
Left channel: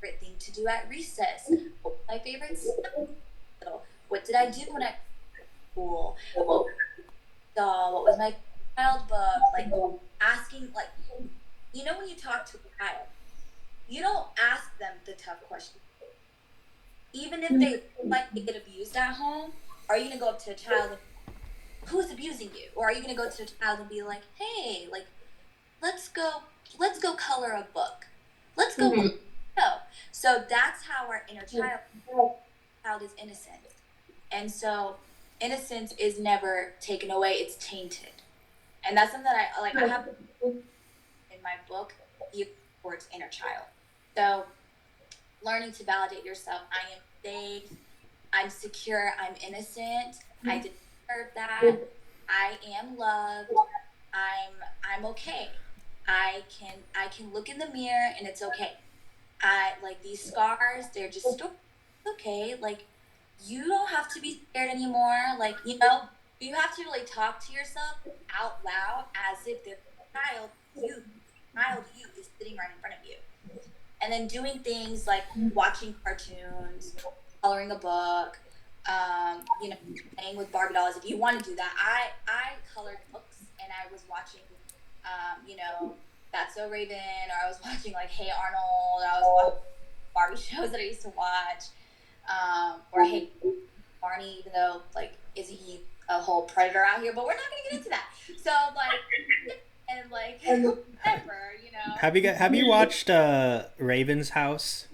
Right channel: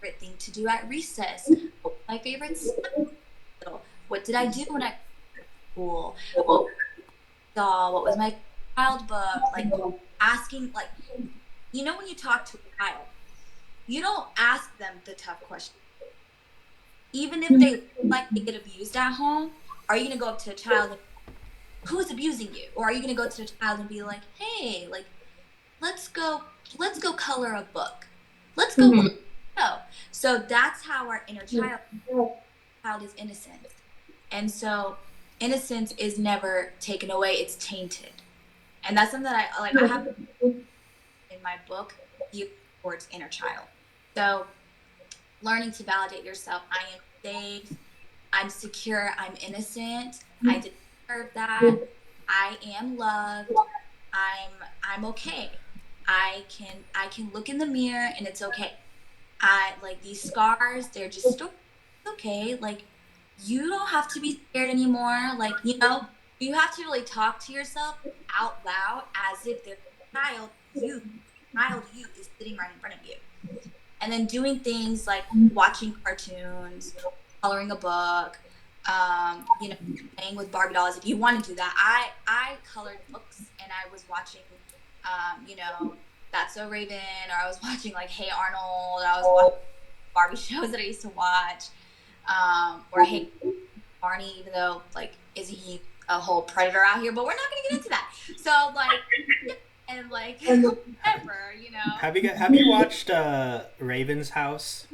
favorite thing to do at recess, my favorite snack, what did I do when I was in school, what was my child book, like asking, like, you know, when you talk to a child, you don't ask them the tough questions. Even if they like they get abused at home, are you gonna go up to a child and, who's abusing you? Or are you gonna go to a child and be like, hey, like, let's go color a book. Let's go. No. So that's how our inner child is innocent. And so innocence is never taken away, it's tainted. And that's something that I have in my book, geared towards inner child. So learning to validate yourself. I am safe, I'm secure, I'm innocent, I deserve that, I am loved, I'm okay. I can look in the mirror and it's okay. I like these scars, they're just okay. Like, you don't have to be scared anymore. Like, you know, you have to really talk to yourself out loud as if the child you is sitting right in front of you. And then doing things like watching cartoons, coloring a book, you know, playing with Barbie dolls. If you want to do that, I colored books and I was watching, you know, That's So Raven, or I was watching like Hey Arnold. I was watching Barbie shows that I used to watch, or Hey Barney, even though like is he a whole predator out here? But we're not gonna get into that. So like, and like whatever, you know. Have you watched Raven's House?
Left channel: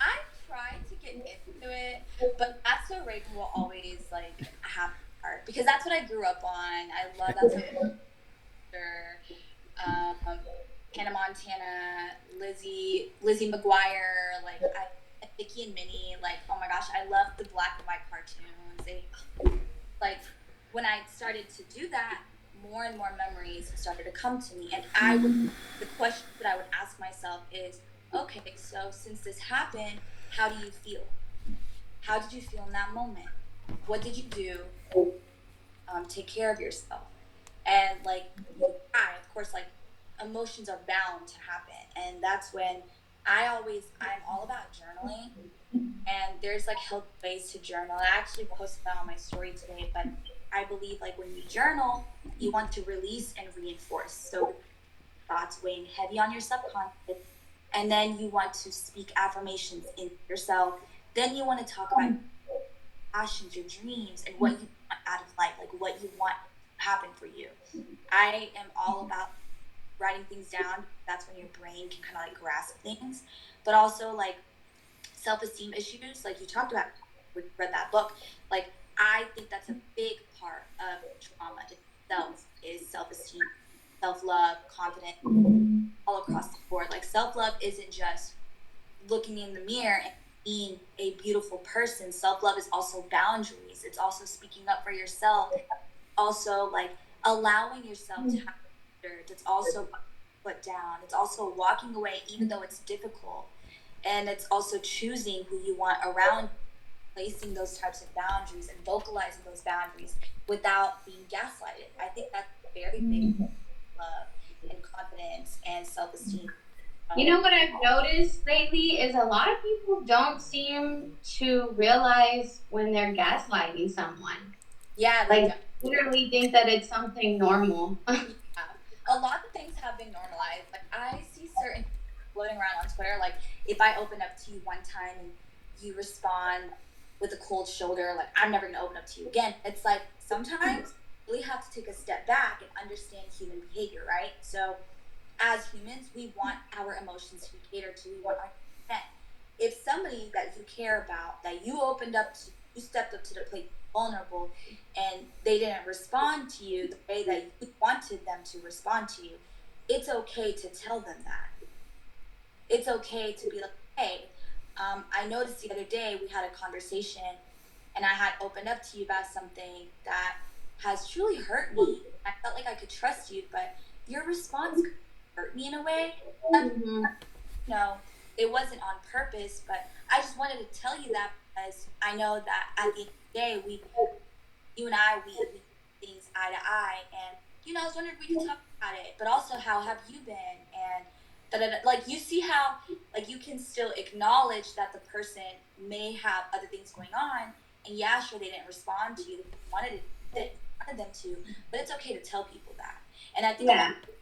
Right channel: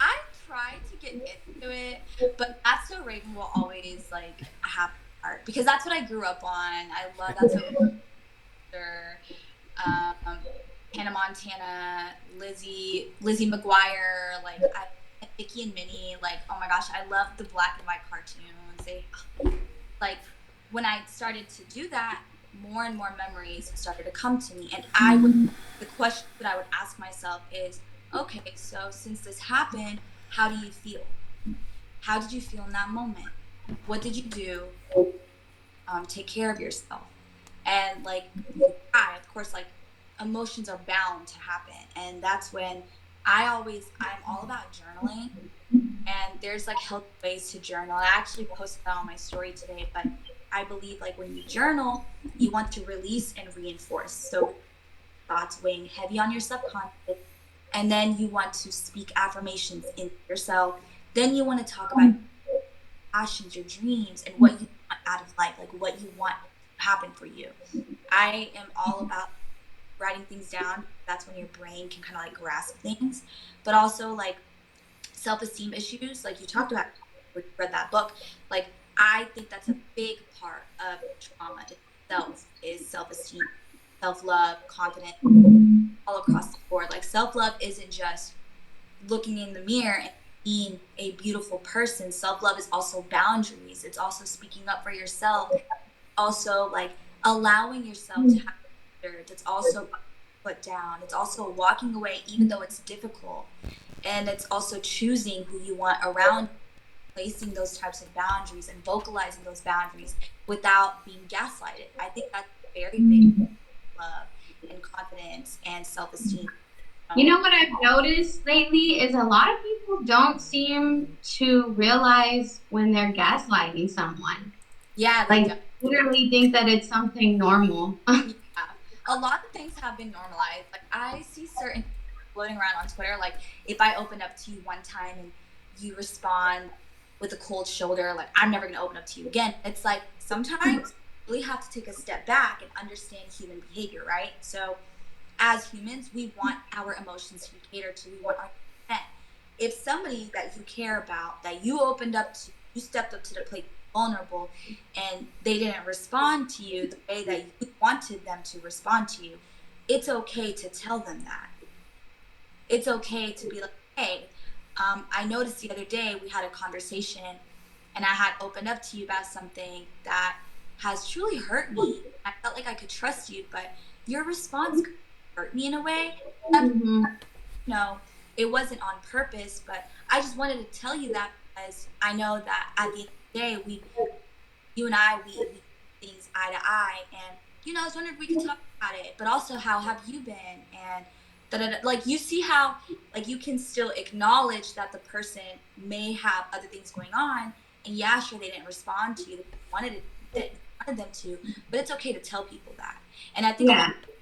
I tried to get into it, but That's So Raven will always like have art, because that's what I grew up on. I love That's So Raven. Hannah Montana, Lizzie McGuire, like Vicky and Minnie, like, oh my gosh, I love the black and white cartoons. They like, when I started to do that, more and more memories started to come to me, and the question that I would ask myself is, okay, so since this happened, how do you feel? How did you feel in that moment? What did you do? Take care of yourself. And like, of course, like, emotions are bound to happen. And that's when I'm all about journaling. And there's like healthy ways to journal. I actually posted that on my story today, but I believe like when you journal, you want to release and reinforce. So thoughts weighing heavy on your subconscious, and then you want to speak affirmations into yourself. Then you want to talk about your passions, your dreams, and what you want out of life, like what you want to happen for you. I am all about writing things down. That's when your brain can kind of like grasp things, but also like self-esteem issues, like you talked about when you read that book. Like, I think that's a big part of trauma itself, is self-esteem, self-love, confidence, all across the board. Like, self-love isn't just looking in the mirror and being a beautiful person. Self-love is also boundaries. It's also speaking up for yourself. Also, like, allowing yourself to have standards. It's also put down. It's also walking away even though it's difficult. And it's also choosing who you want around, placing those types of boundaries and vocalizing those boundaries without being gaslighted. I think that's very big love and confidence and self-esteem. You know what I've noticed lately is a lot of people don't seem to realize when they're gaslighting someone. Yeah, like literally think that it's something normal. Yeah. A lot of things have been normalized. Like, I see certain floating around on Twitter, like, if I open up to you one time and you respond with a cold shoulder, like, I'm never going to open up to you again. It's like, sometimes you really have to take a step back and understand human behavior, right? So as humans, we want our emotions to be catered to. We want our consent. If somebody that you care about, that you opened up to, you stepped up to the plate, vulnerable, and they didn't respond to you the way that you wanted them to respond to you, it's okay to tell them that. It's okay to be like, hey, I noticed the other day we had a conversation and I had opened up to you about something that has truly hurt me. I felt like I could trust you, but your response hurt me in a way. Mm-hmm. No, it wasn't on purpose, but I just wanted to tell you that because I know that at the end of the day, you and I, we things eye to eye, and I was wondering if we could talk about it, but also how have you been, and like you see how like you can still acknowledge that the person may have other things going on, and yeah, sure they didn't respond to you, they wanted them to, but it's okay to tell people that, and I think a lot of people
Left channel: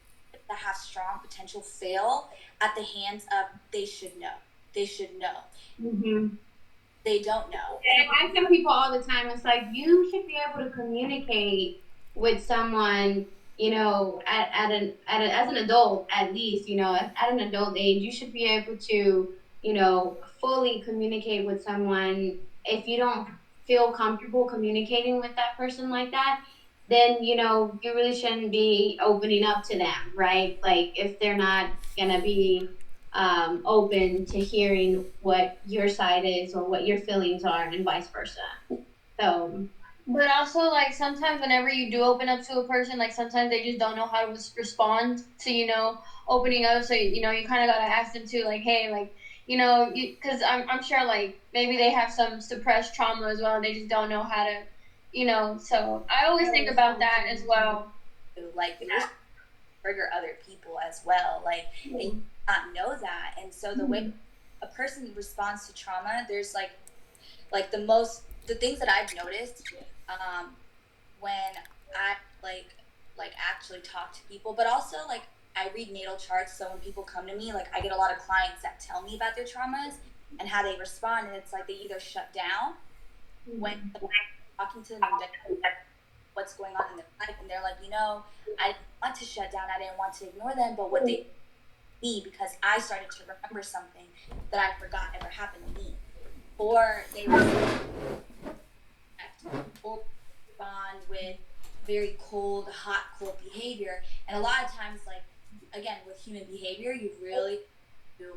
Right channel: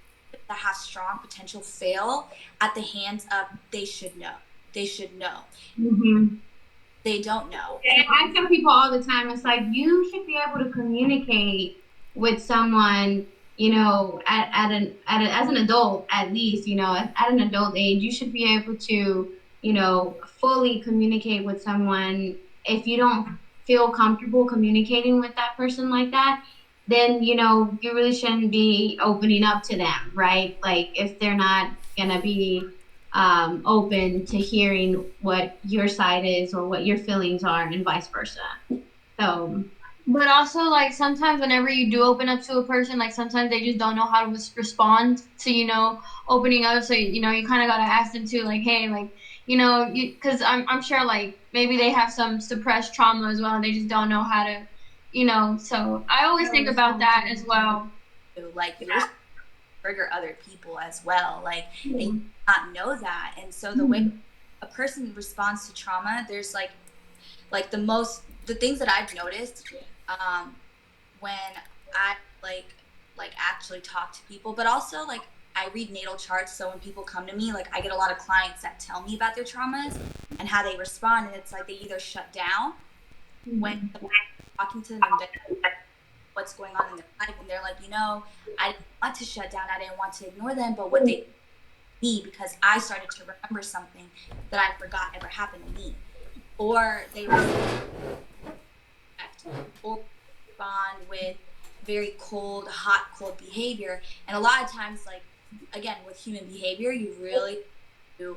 that have strong potential fail at the hands of they should know, Mm-hmm. they don't know. I tell people all the time, it's like you should be able to communicate with someone, as an adult, at least, at an adult age, you should be able to, fully communicate with someone. If you don't feel comfortable communicating with that person like that, then, you really shouldn't be opening up to them, right? Like if they're not gonna be open to hearing what your side is or what your feelings are, and vice versa. So, but also, like, sometimes whenever you do open up to a person, like, sometimes they just don't know how to respond to, opening up. So, you kind of got to ask them to, like, hey, like, because I'm sure, like, maybe they have some suppressed trauma as well. And they just don't know how to, so I always think about that as well. Like, you're trigger other people as well, like, and you not know that. And so the way a person responds to trauma, there's like the things that I've noticed when I like actually talk to people, but also like I read natal charts. So when people come to me, like I get a lot of clients that tell me about their traumas and how they respond, and it's like they either shut down when I'm talking to them and what's going on in their life, and they're like, I didn't want to shut down, I didn't want to ignore them, but what they me because I started to remember something that I forgot ever happened to me, or they or respond with very cold behavior. And a lot of times, like again with human behavior, you really do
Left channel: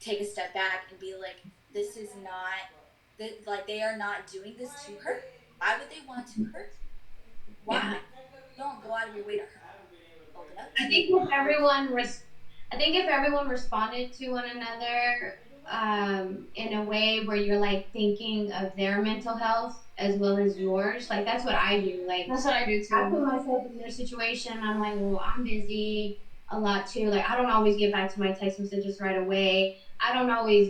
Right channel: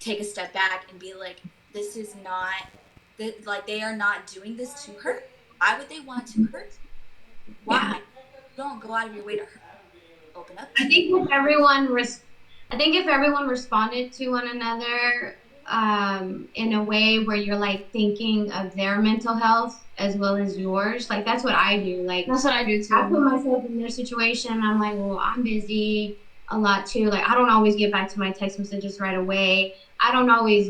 take a step back and be like, this is not like they are not doing this to hurt. Why would they want to hurt? Why? Don't go out of your way to open up. I think if everyone responded to one another in a way where you're like thinking of their mental health as well as yours, like that's what I do. Like that's what I do too. I put myself in their situation. I'm like, well, I'm busy a lot too. Like I don't always get back to my text messages right away. I don't always,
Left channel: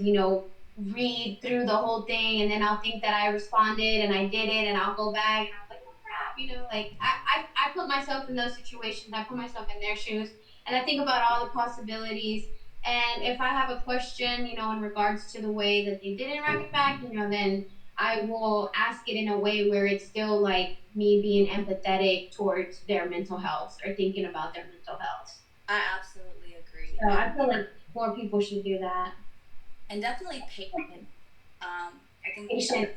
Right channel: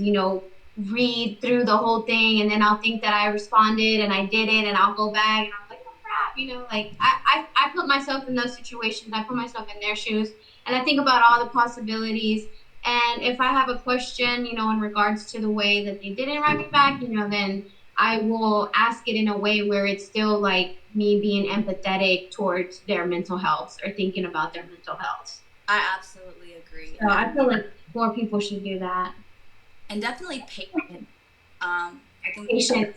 read through the whole thing, and then I'll think that I responded and I did it, and I'll go back and I'm like, oh crap, like I put myself in those situations. I put myself in their shoes, and I think about all the possibilities. And if I have a question, in regards to the way that they didn't write me back, then I will ask it in a way where it's still like me being empathetic towards their mental health or thinking about their mental health. I absolutely agree. So I feel like more people should do that. And definitely patient. I think Patience.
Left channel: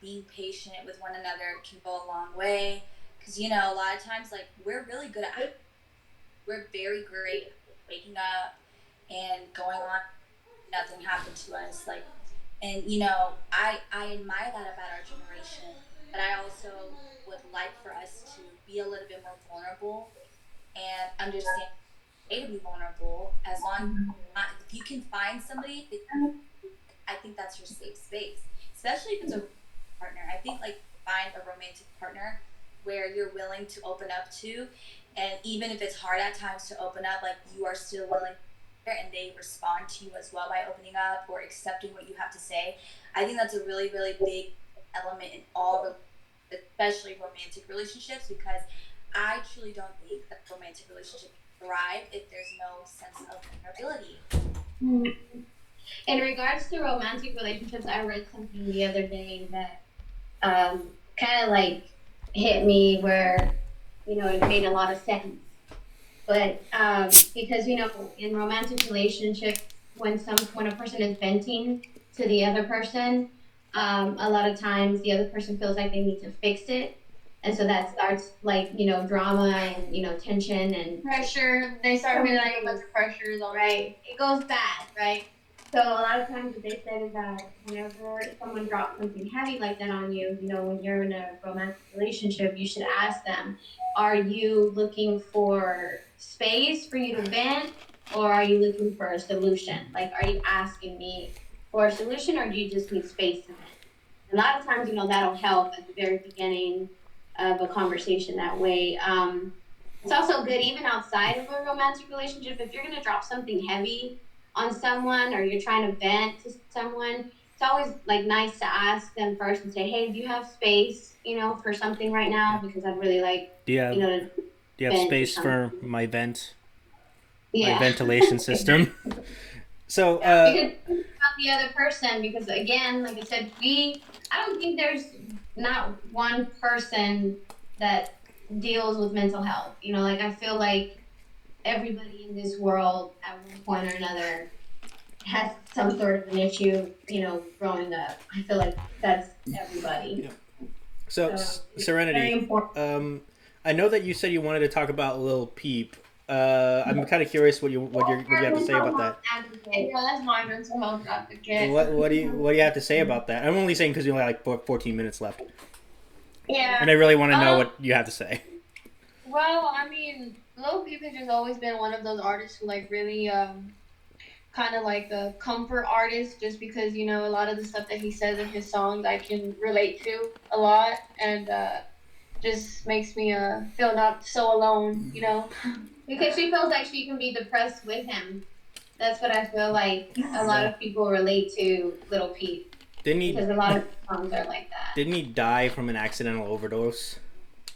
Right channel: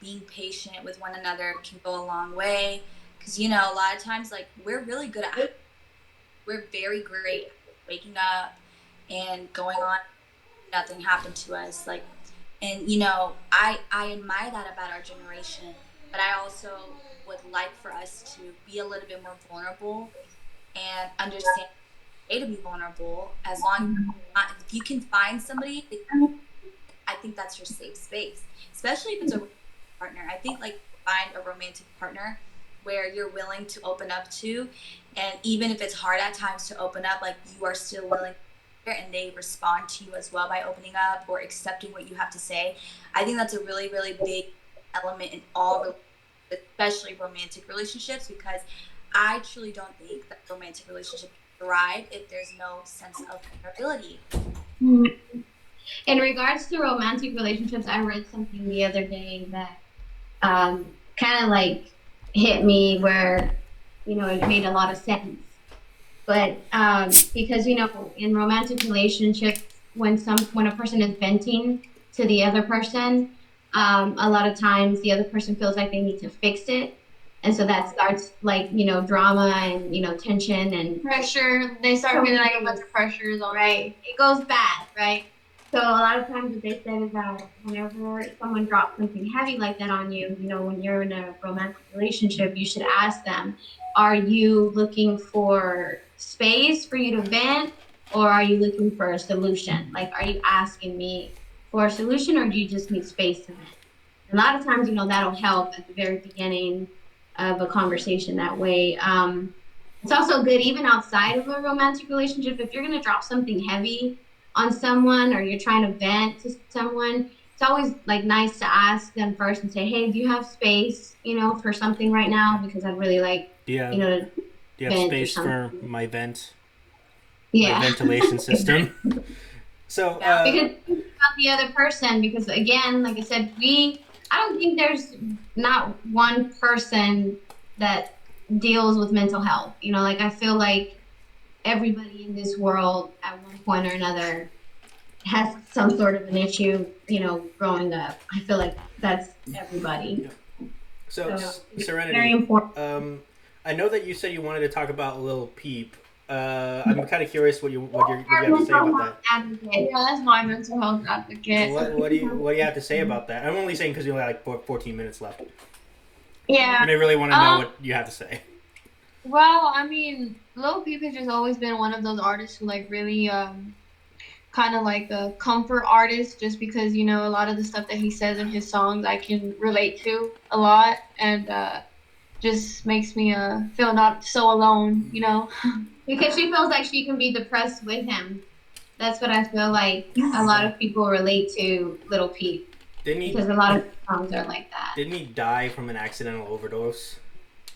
being patient with one another can go a long way. Because, a lot of times, like, we're really good at it. We're very great at waking up and going on, nothing happened to us. Like, and, I admire that about our generation. But I also would like for us to be a little bit more vulnerable and understand to be vulnerable, as long as if you can find somebody, I think that's your safe space, especially if it's a partner. I think like find a romantic partner where you're willing to open up to, and even if it's hard at times to open up, like you are still willing and they respond to you as well by opening up or accepting what you have to say. I think that's a really, really big element in all, especially romantic relationships, because I truly don't think that romantic relationships thrive if there's no sense of vulnerability. In regards to romantic relationships, I read something the other day that kind of like hit me where, it made a lot of sense. But because, in romantic relationships, when a person is venting to the other person, a lot of times the other person feels like they need to fix it. And so that starts like, drama and, tension and pressure. They start feeling like a bunch of pressures. Right. It goes bad, right? So a lot of times what they said is that whenever someone drops something heavy like that on you, when you're in a romantic relationship, you should ask them, are you looking for space for you to vent, or are you looking for a solution? Like, are you asking me for a solution, or do you just need space to vent? And a lot of times, that'll help at the very beginning of a conversation that way. It's also good even outside of a romantic relationship. If you're going to drop something heavy on someone or you're trying to vent to someone, it's always like nice to ask them first and say, hey, do you have space, for something right now? Because I'd really like, Do you have to vent or space for something. my vent? My Yeah. ventilation system. So Because think about the other person, because again, like I said, I don't think there's not one person that deals with mental health. Like I feel like everybody in this world at one point or another has some sort of an issue, growing up. I feel like that's everybody. Yeah. So it's Serenity, very important. I know that you said you wanted to talk about Lil Peep. I'm kind of curious what you have to say about that. Yeah, that's my mental health advocate. What do you have to say about that? I'm only saying because you only have like 14 minutes left, Yeah. and I really want to know what you have to say. Well, I mean, Lil Peep has just always been one of those artists who like really kind of like a comfort artist, just because a lot of the stuff that he says in his songs I can relate to a lot, and just makes me feel not so alone, Because she feels like she can be depressed with him. That's what I feel like a lot of people relate to Lil Peep. Because a lot of songs are like that. Didn't he die from an accidental overdose?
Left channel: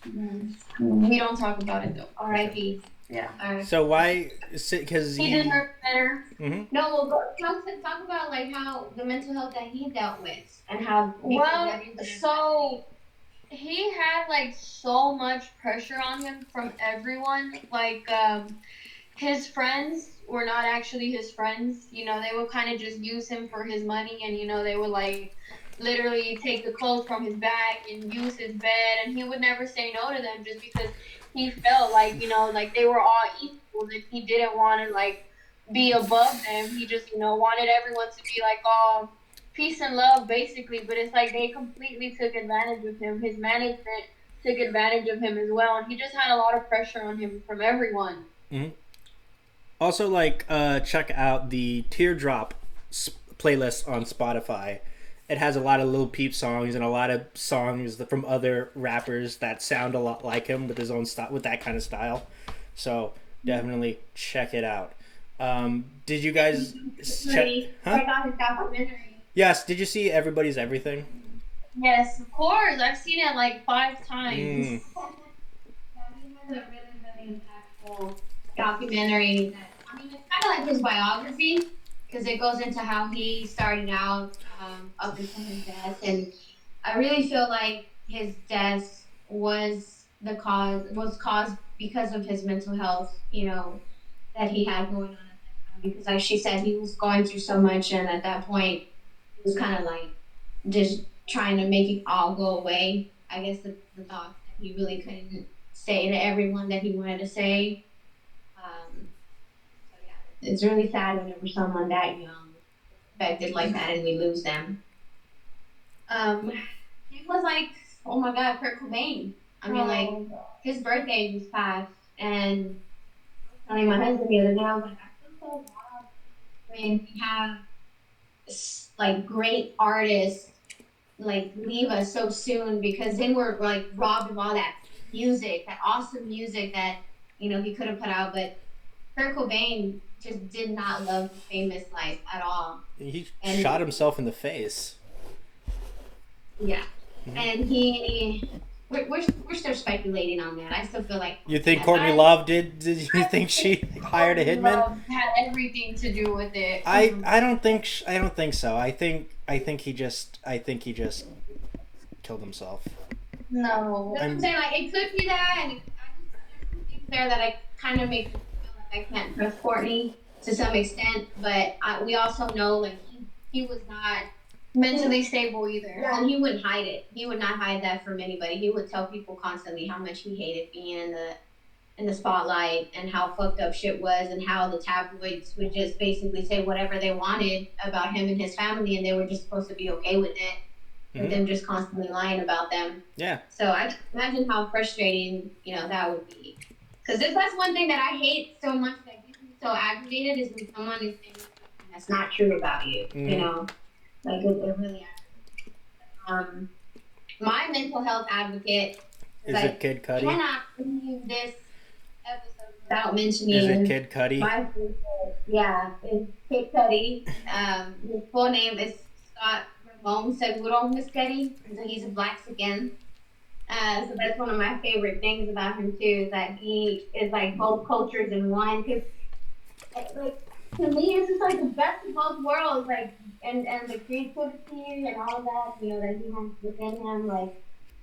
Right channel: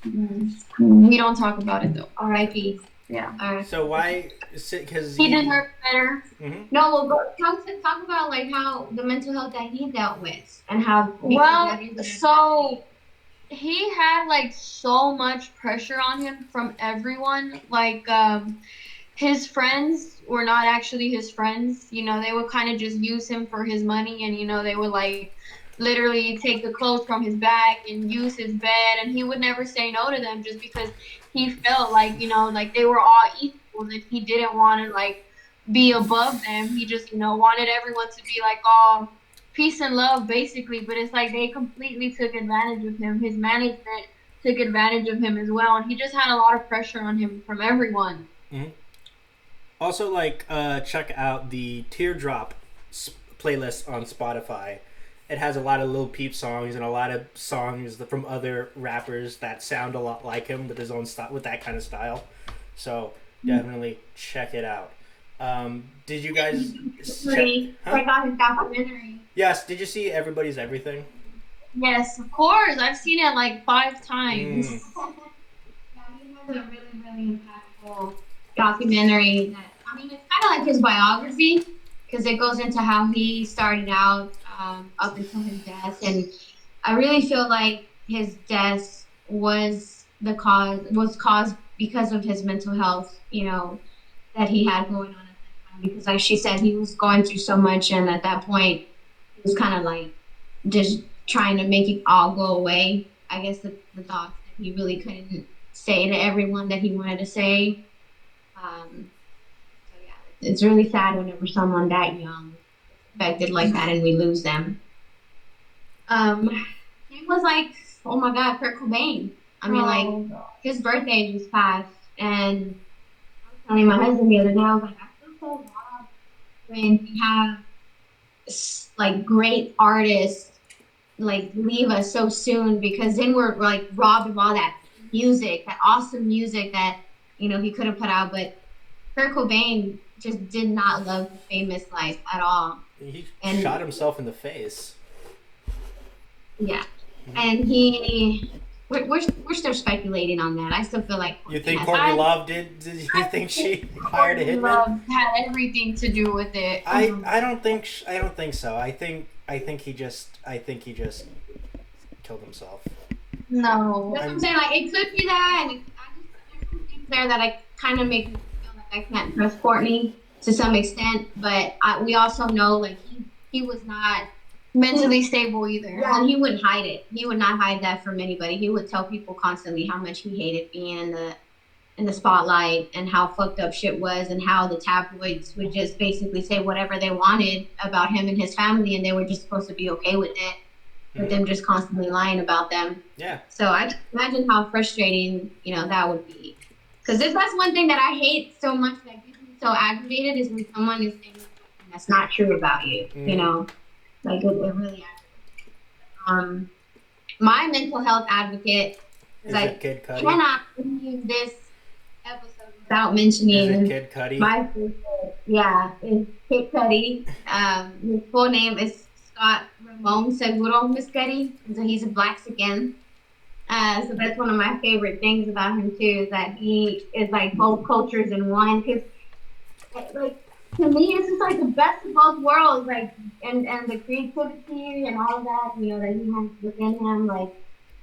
Mm-hmm. We don't talk about it though. R.I.P. Yeah. All right. So why? Because he deserves better. Mm-hmm. No, well, talk about like how the mental health that he dealt with and how. So he had like so much pressure on him from everyone. Like his friends were not actually his friends. They would kind of just use him for his money, and they would like literally take the clothes from his back and use his bed, and he would never say no to them just because he felt like like they were all equal, and he didn't want to like be above them. He just wanted everyone to be like all peace and love basically, but it's like they completely took advantage of him. His management took advantage of him as well, and he just had a lot of pressure on him from everyone. Mm-hmm. Also, like, check out the Teardrop playlist on Spotify. It has a lot of Lil Peep songs and a lot of songs from other rappers that sound a lot like him with his own style, with that kind of style. So definitely check it out. Did you guys check out his documentary? Yes. Did you see Everybody's Everything? Yes, of course. I've seen it like 5 times. He has a really, really impactful documentary that, it's kind of like his biography, because it goes into how he started out up until his death, and I really feel like his death was caused because of his mental health, that he had going on at that time. Because, like she said, he was going through so much, and at that point, he was kind of like just trying to make it all go away. I guess the thoughts that he really couldn't say to everyone that he wanted to say. So yeah, it's really sad whenever someone that young is affected like that and we lose them. It was like, oh my God, Kurt Cobain. His birthday just passed, and I was telling my husband the other day, I was like, I feel so bad when we have like great artists like leave us so soon, because then we're like robbed of all that music, that awesome music that he could have put out. But Kurt Cobain just did not love the famous life at all. He shot himself in the face. Yeah, and we're still speculating on that. I still feel like you think Courtney Love did. Did you think she hired a hitman? Love had everything to do with it. I don't think so. I think he just killed himself. No. That's what I'm saying. Like, it could be that, and there's some things there that I kind of make me feel like I can't trust Courtney to some extent. But we also know like he was not mentally stable either. Yeah, and he wouldn't hide it. He would not hide that from anybody. He would tell people constantly how much he hated being in in the spotlight and how fucked up shit was and how the tabloids would just basically say whatever they wanted about him and his family and they were just supposed to be okay with it, with them just constantly lying about them. Yeah. So I can imagine how frustrating, that would be. Because that's one thing that I hate so much that gets me so aggravated is when someone is saying something that's not true about you, Like, it really aggravates. My mental health advocate is it Kid Cudi? Cannot leave this episode without mentioning. Is it Kid Cudi? My favorite, it's Kid Cudi. His full name is Scott Ramon Seguro Miscudi. So he's a Blaxican. So that's one of my favorite things about him too, is that he is like both cultures in one. Cause like to me, it's just like the best of both worlds. Like and the creativity and all of that, that he has within him. Like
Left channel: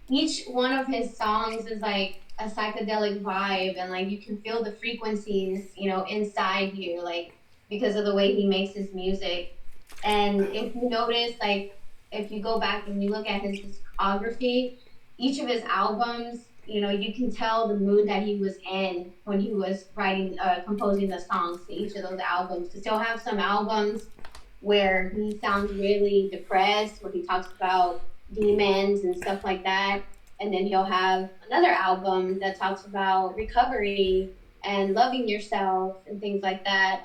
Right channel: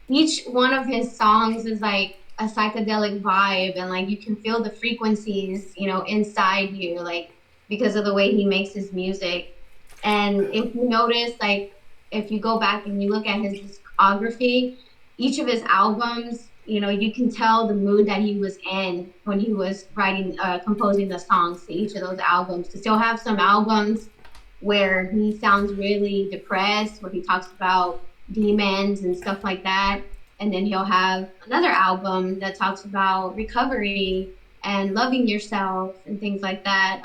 each one of his songs is like a psychedelic vibe, and like you can feel the frequencies, inside you, like because of the way he makes his music. And if you notice, like if you go back and you look at his discography, each of his albums, you can tell the mood that he was in when he was composing the songs to each of those albums. Because he'll have some albums where he sounds really depressed, where he talks about demons and stuff like that. And then he'll have another album that talks about recovery and loving yourself and things like that.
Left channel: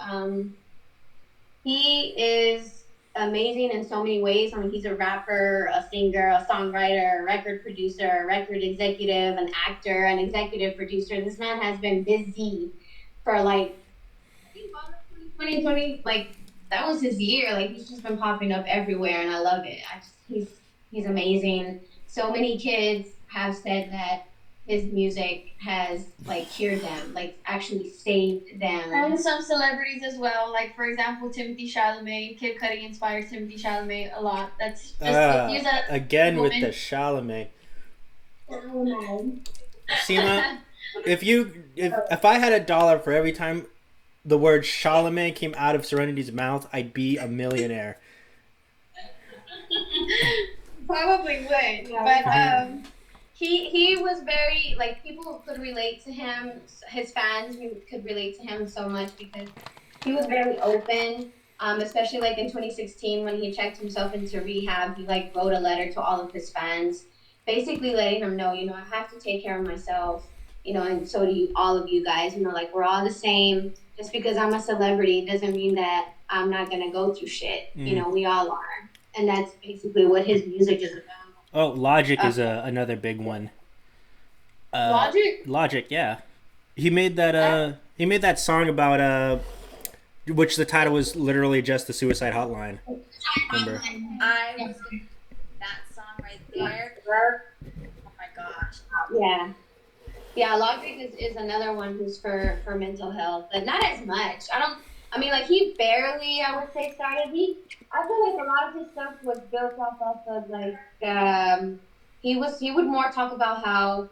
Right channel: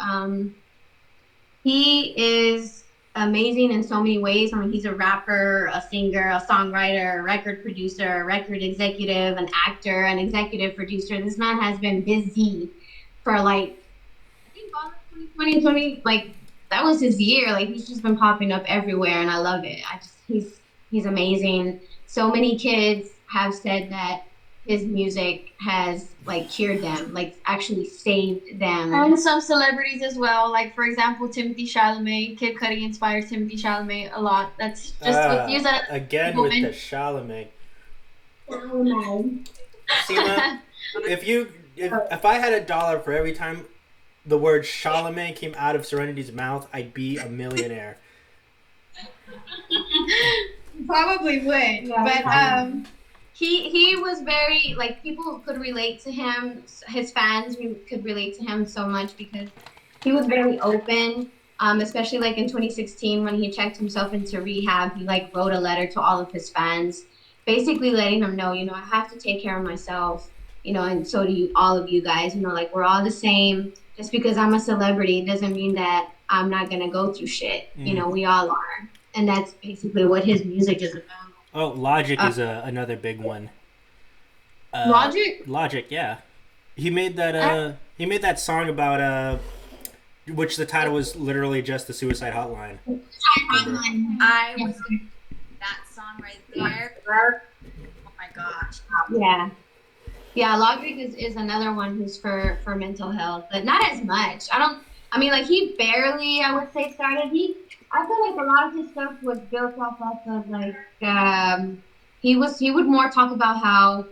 He is amazing in so many ways. I mean, he's a rapper, a singer, a songwriter, a record producer, a record executive, an actor, an executive producer. This man has been busy for I think all of 2020, like that was his year. Like he's just been popping up everywhere, and I love it. He's amazing. So many kids have said that his music has like cured them, like actually saved them. And some celebrities as well, like for example, Timothy Chalamet. Kid Cudi inspires Timothy Chalamet a lot. That's just again woman. With the Chalamet. Seema, if I had $1 for every time the word Chalamet came out of Serenity's mouth, I'd be a millionaire. Probably would, but he was very, like, people could relate to him. His fans could relate to him so much because he was very open, especially like in 2016 when he checked himself into rehab. He like wrote a letter to all of his fans, basically letting them know, I have to take care of myself, and so do all of you guys. Like we're all the same. Just because I'm a celebrity doesn't mean that I'm not gonna go through shit. We all are, and that's basically what his music is about. Oh, Logic is another big one. Logic? Logic, yeah. He made that. He made that song about which the title was literally just the Suicide Hotline. I was that song right there. Oh my gosh. Yeah. Yeah, Logic is another one who's for mental health, but not as much. Like he barely, I would say, started. I feel like a lot of his stuff was built off of like he would more talk about how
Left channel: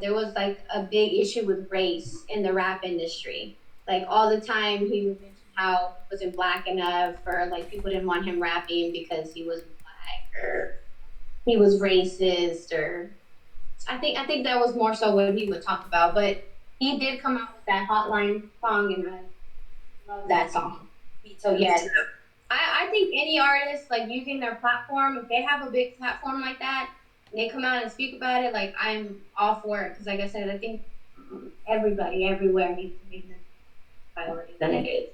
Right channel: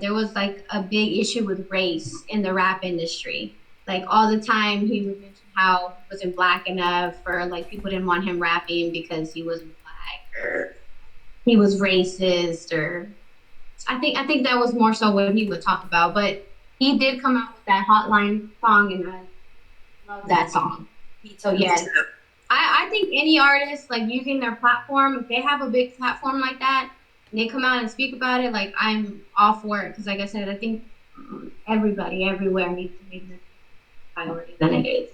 there was like a big issue with race in the rap industry. Like all the time he would mention how he wasn't black enough, or like people didn't want him rapping because he was black, or he was racist, or I think that was more so what he would talk about. But he did come out with that Hotline song, and I love that song. So yes. I think any artist, like, using their platform, if they have a big platform like that, and they come out and speak about it, like, I'm all for it. Because, like I said, I think everybody, everywhere needs to make this a priority than it is.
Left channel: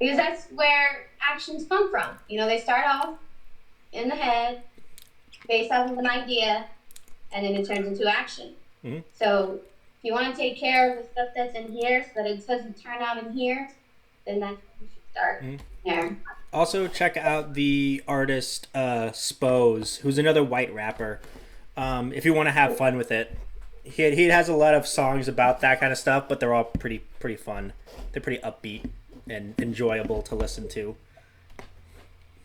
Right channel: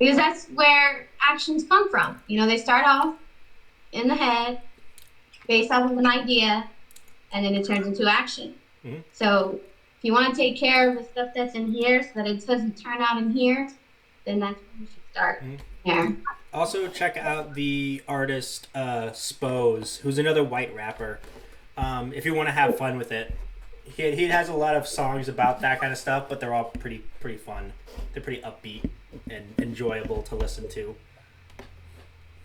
Because that's where actions come from. They start off in the head, based off of an idea, and then it turns into action. Mm-hmm. So if you want to take care of the stuff that's in here so that it doesn't turn out in here, then that's where you should start. Mm-hmm. There. Also, check out the artist Spose, who's another white rapper. If you want to have fun with it, he has a lot of songs about that kind of stuff, but they're all pretty fun. They're pretty upbeat and enjoyable to listen to.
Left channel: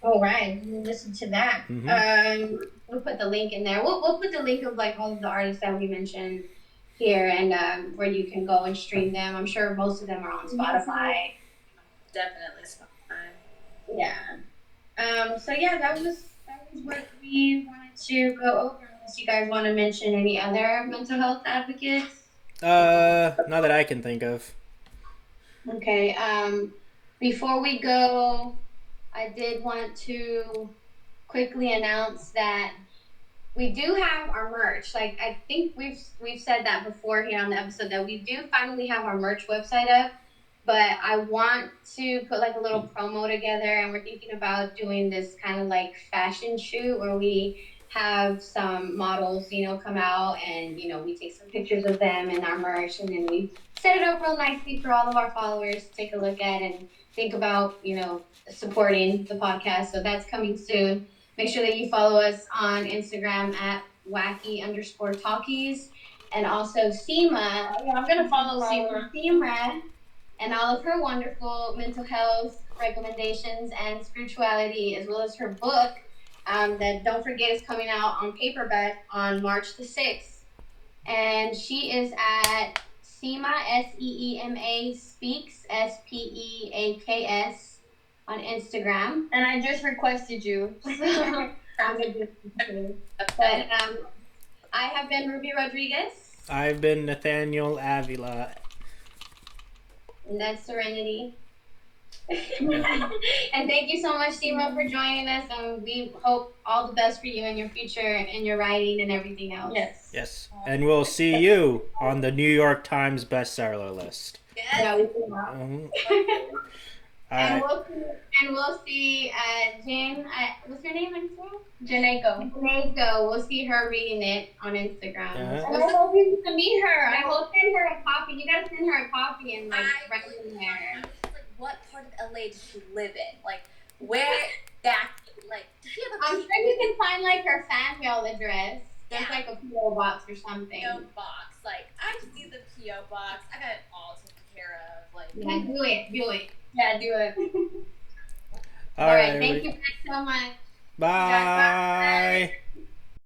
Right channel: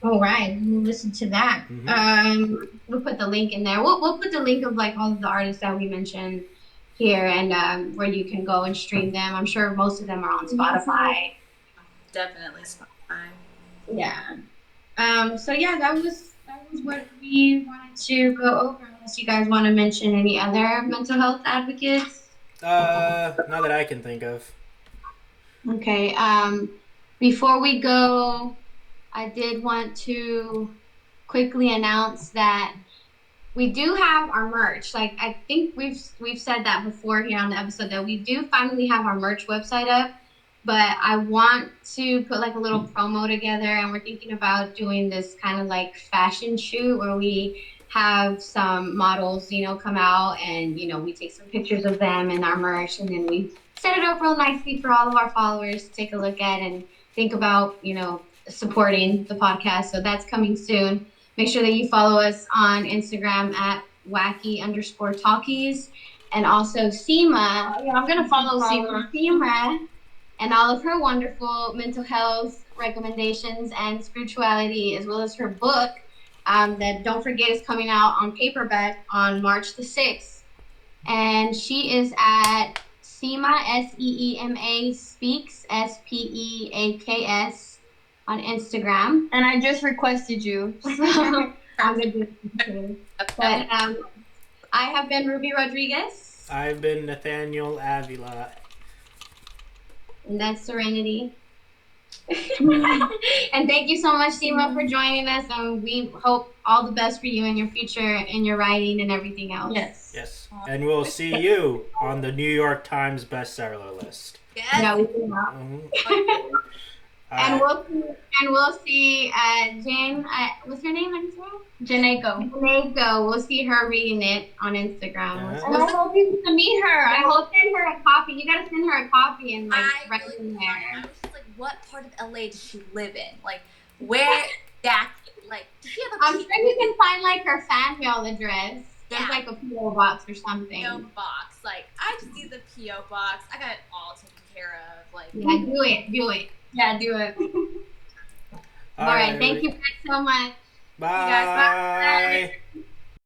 All right, we'll listen to that. Mm-hmm. We'll put the link in there. We'll put the link of like all of the artists that we mentioned here, and where you can go and stream them. I'm sure most of them are on Spotify. Definitely Spotify. Yeah. So yeah, that was what we wanted to go over. Unless you guys want to mention any other mental health advocates. Not that I can think of. Okay. Before we go, I did want to quickly announce that we do have our merch. Like, I think we've said that before here on the episode, that we do finally have our merch website up. But I want to put like a little promo together, and we're thinking about doing this kind of like fashion shoot where we have some models, come out, and we take some pictures of them and our merch, and then we set it up real nicely for all of our followers to take a look at and think about, supporting the podcast. So that's coming soon. Make sure that you follow us on Instagram at Wacky_Talkies, and also Seema. Yeah, I'm gonna follow Seema and all of her wonderful mental health recommendations and spirituality, as well as her book that, don't forget, is coming out on paperback on March the 6th. And she is at Seema, Seema Speaks, Speaks, on Instagram. And I just requested you. I'm gonna do it too. But I have been Ruby Rodriguez. I've been Nathaniel Avila. And that's Serenity. And thank you so much, Seema, for joining us. And we hope all the best for you in your future, in your writing and everything else. Yes. Yes. And we'll see you on the New York Times bestseller list. Yes. Yeah, we will. Mhm. And we'll see Jane. What's her name again? Janeko. Janeko. We'll see her reading it on Instagram. Yeah. And I hope you get to meet her. I will send her a copy. You gotta send her a copy and like I write really in want there. it. I was just like, what part of LA does she live in? Like, where exactly? Like, does she have a I'm sure you can find like her fan mail address. There's Yeah. like a PO box or something. PO box? Like, I just need the PO box. I got it all taken care of. Like, Yeah, do it. Yeah, do it. All right. Thank you guys so much. Bye.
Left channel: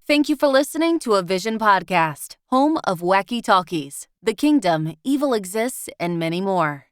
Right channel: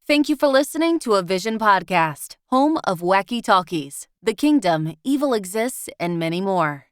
Thank you for listening to a Vision podcast, home of Wacky Talkies, The Kingdom, Evil Exists, and many more.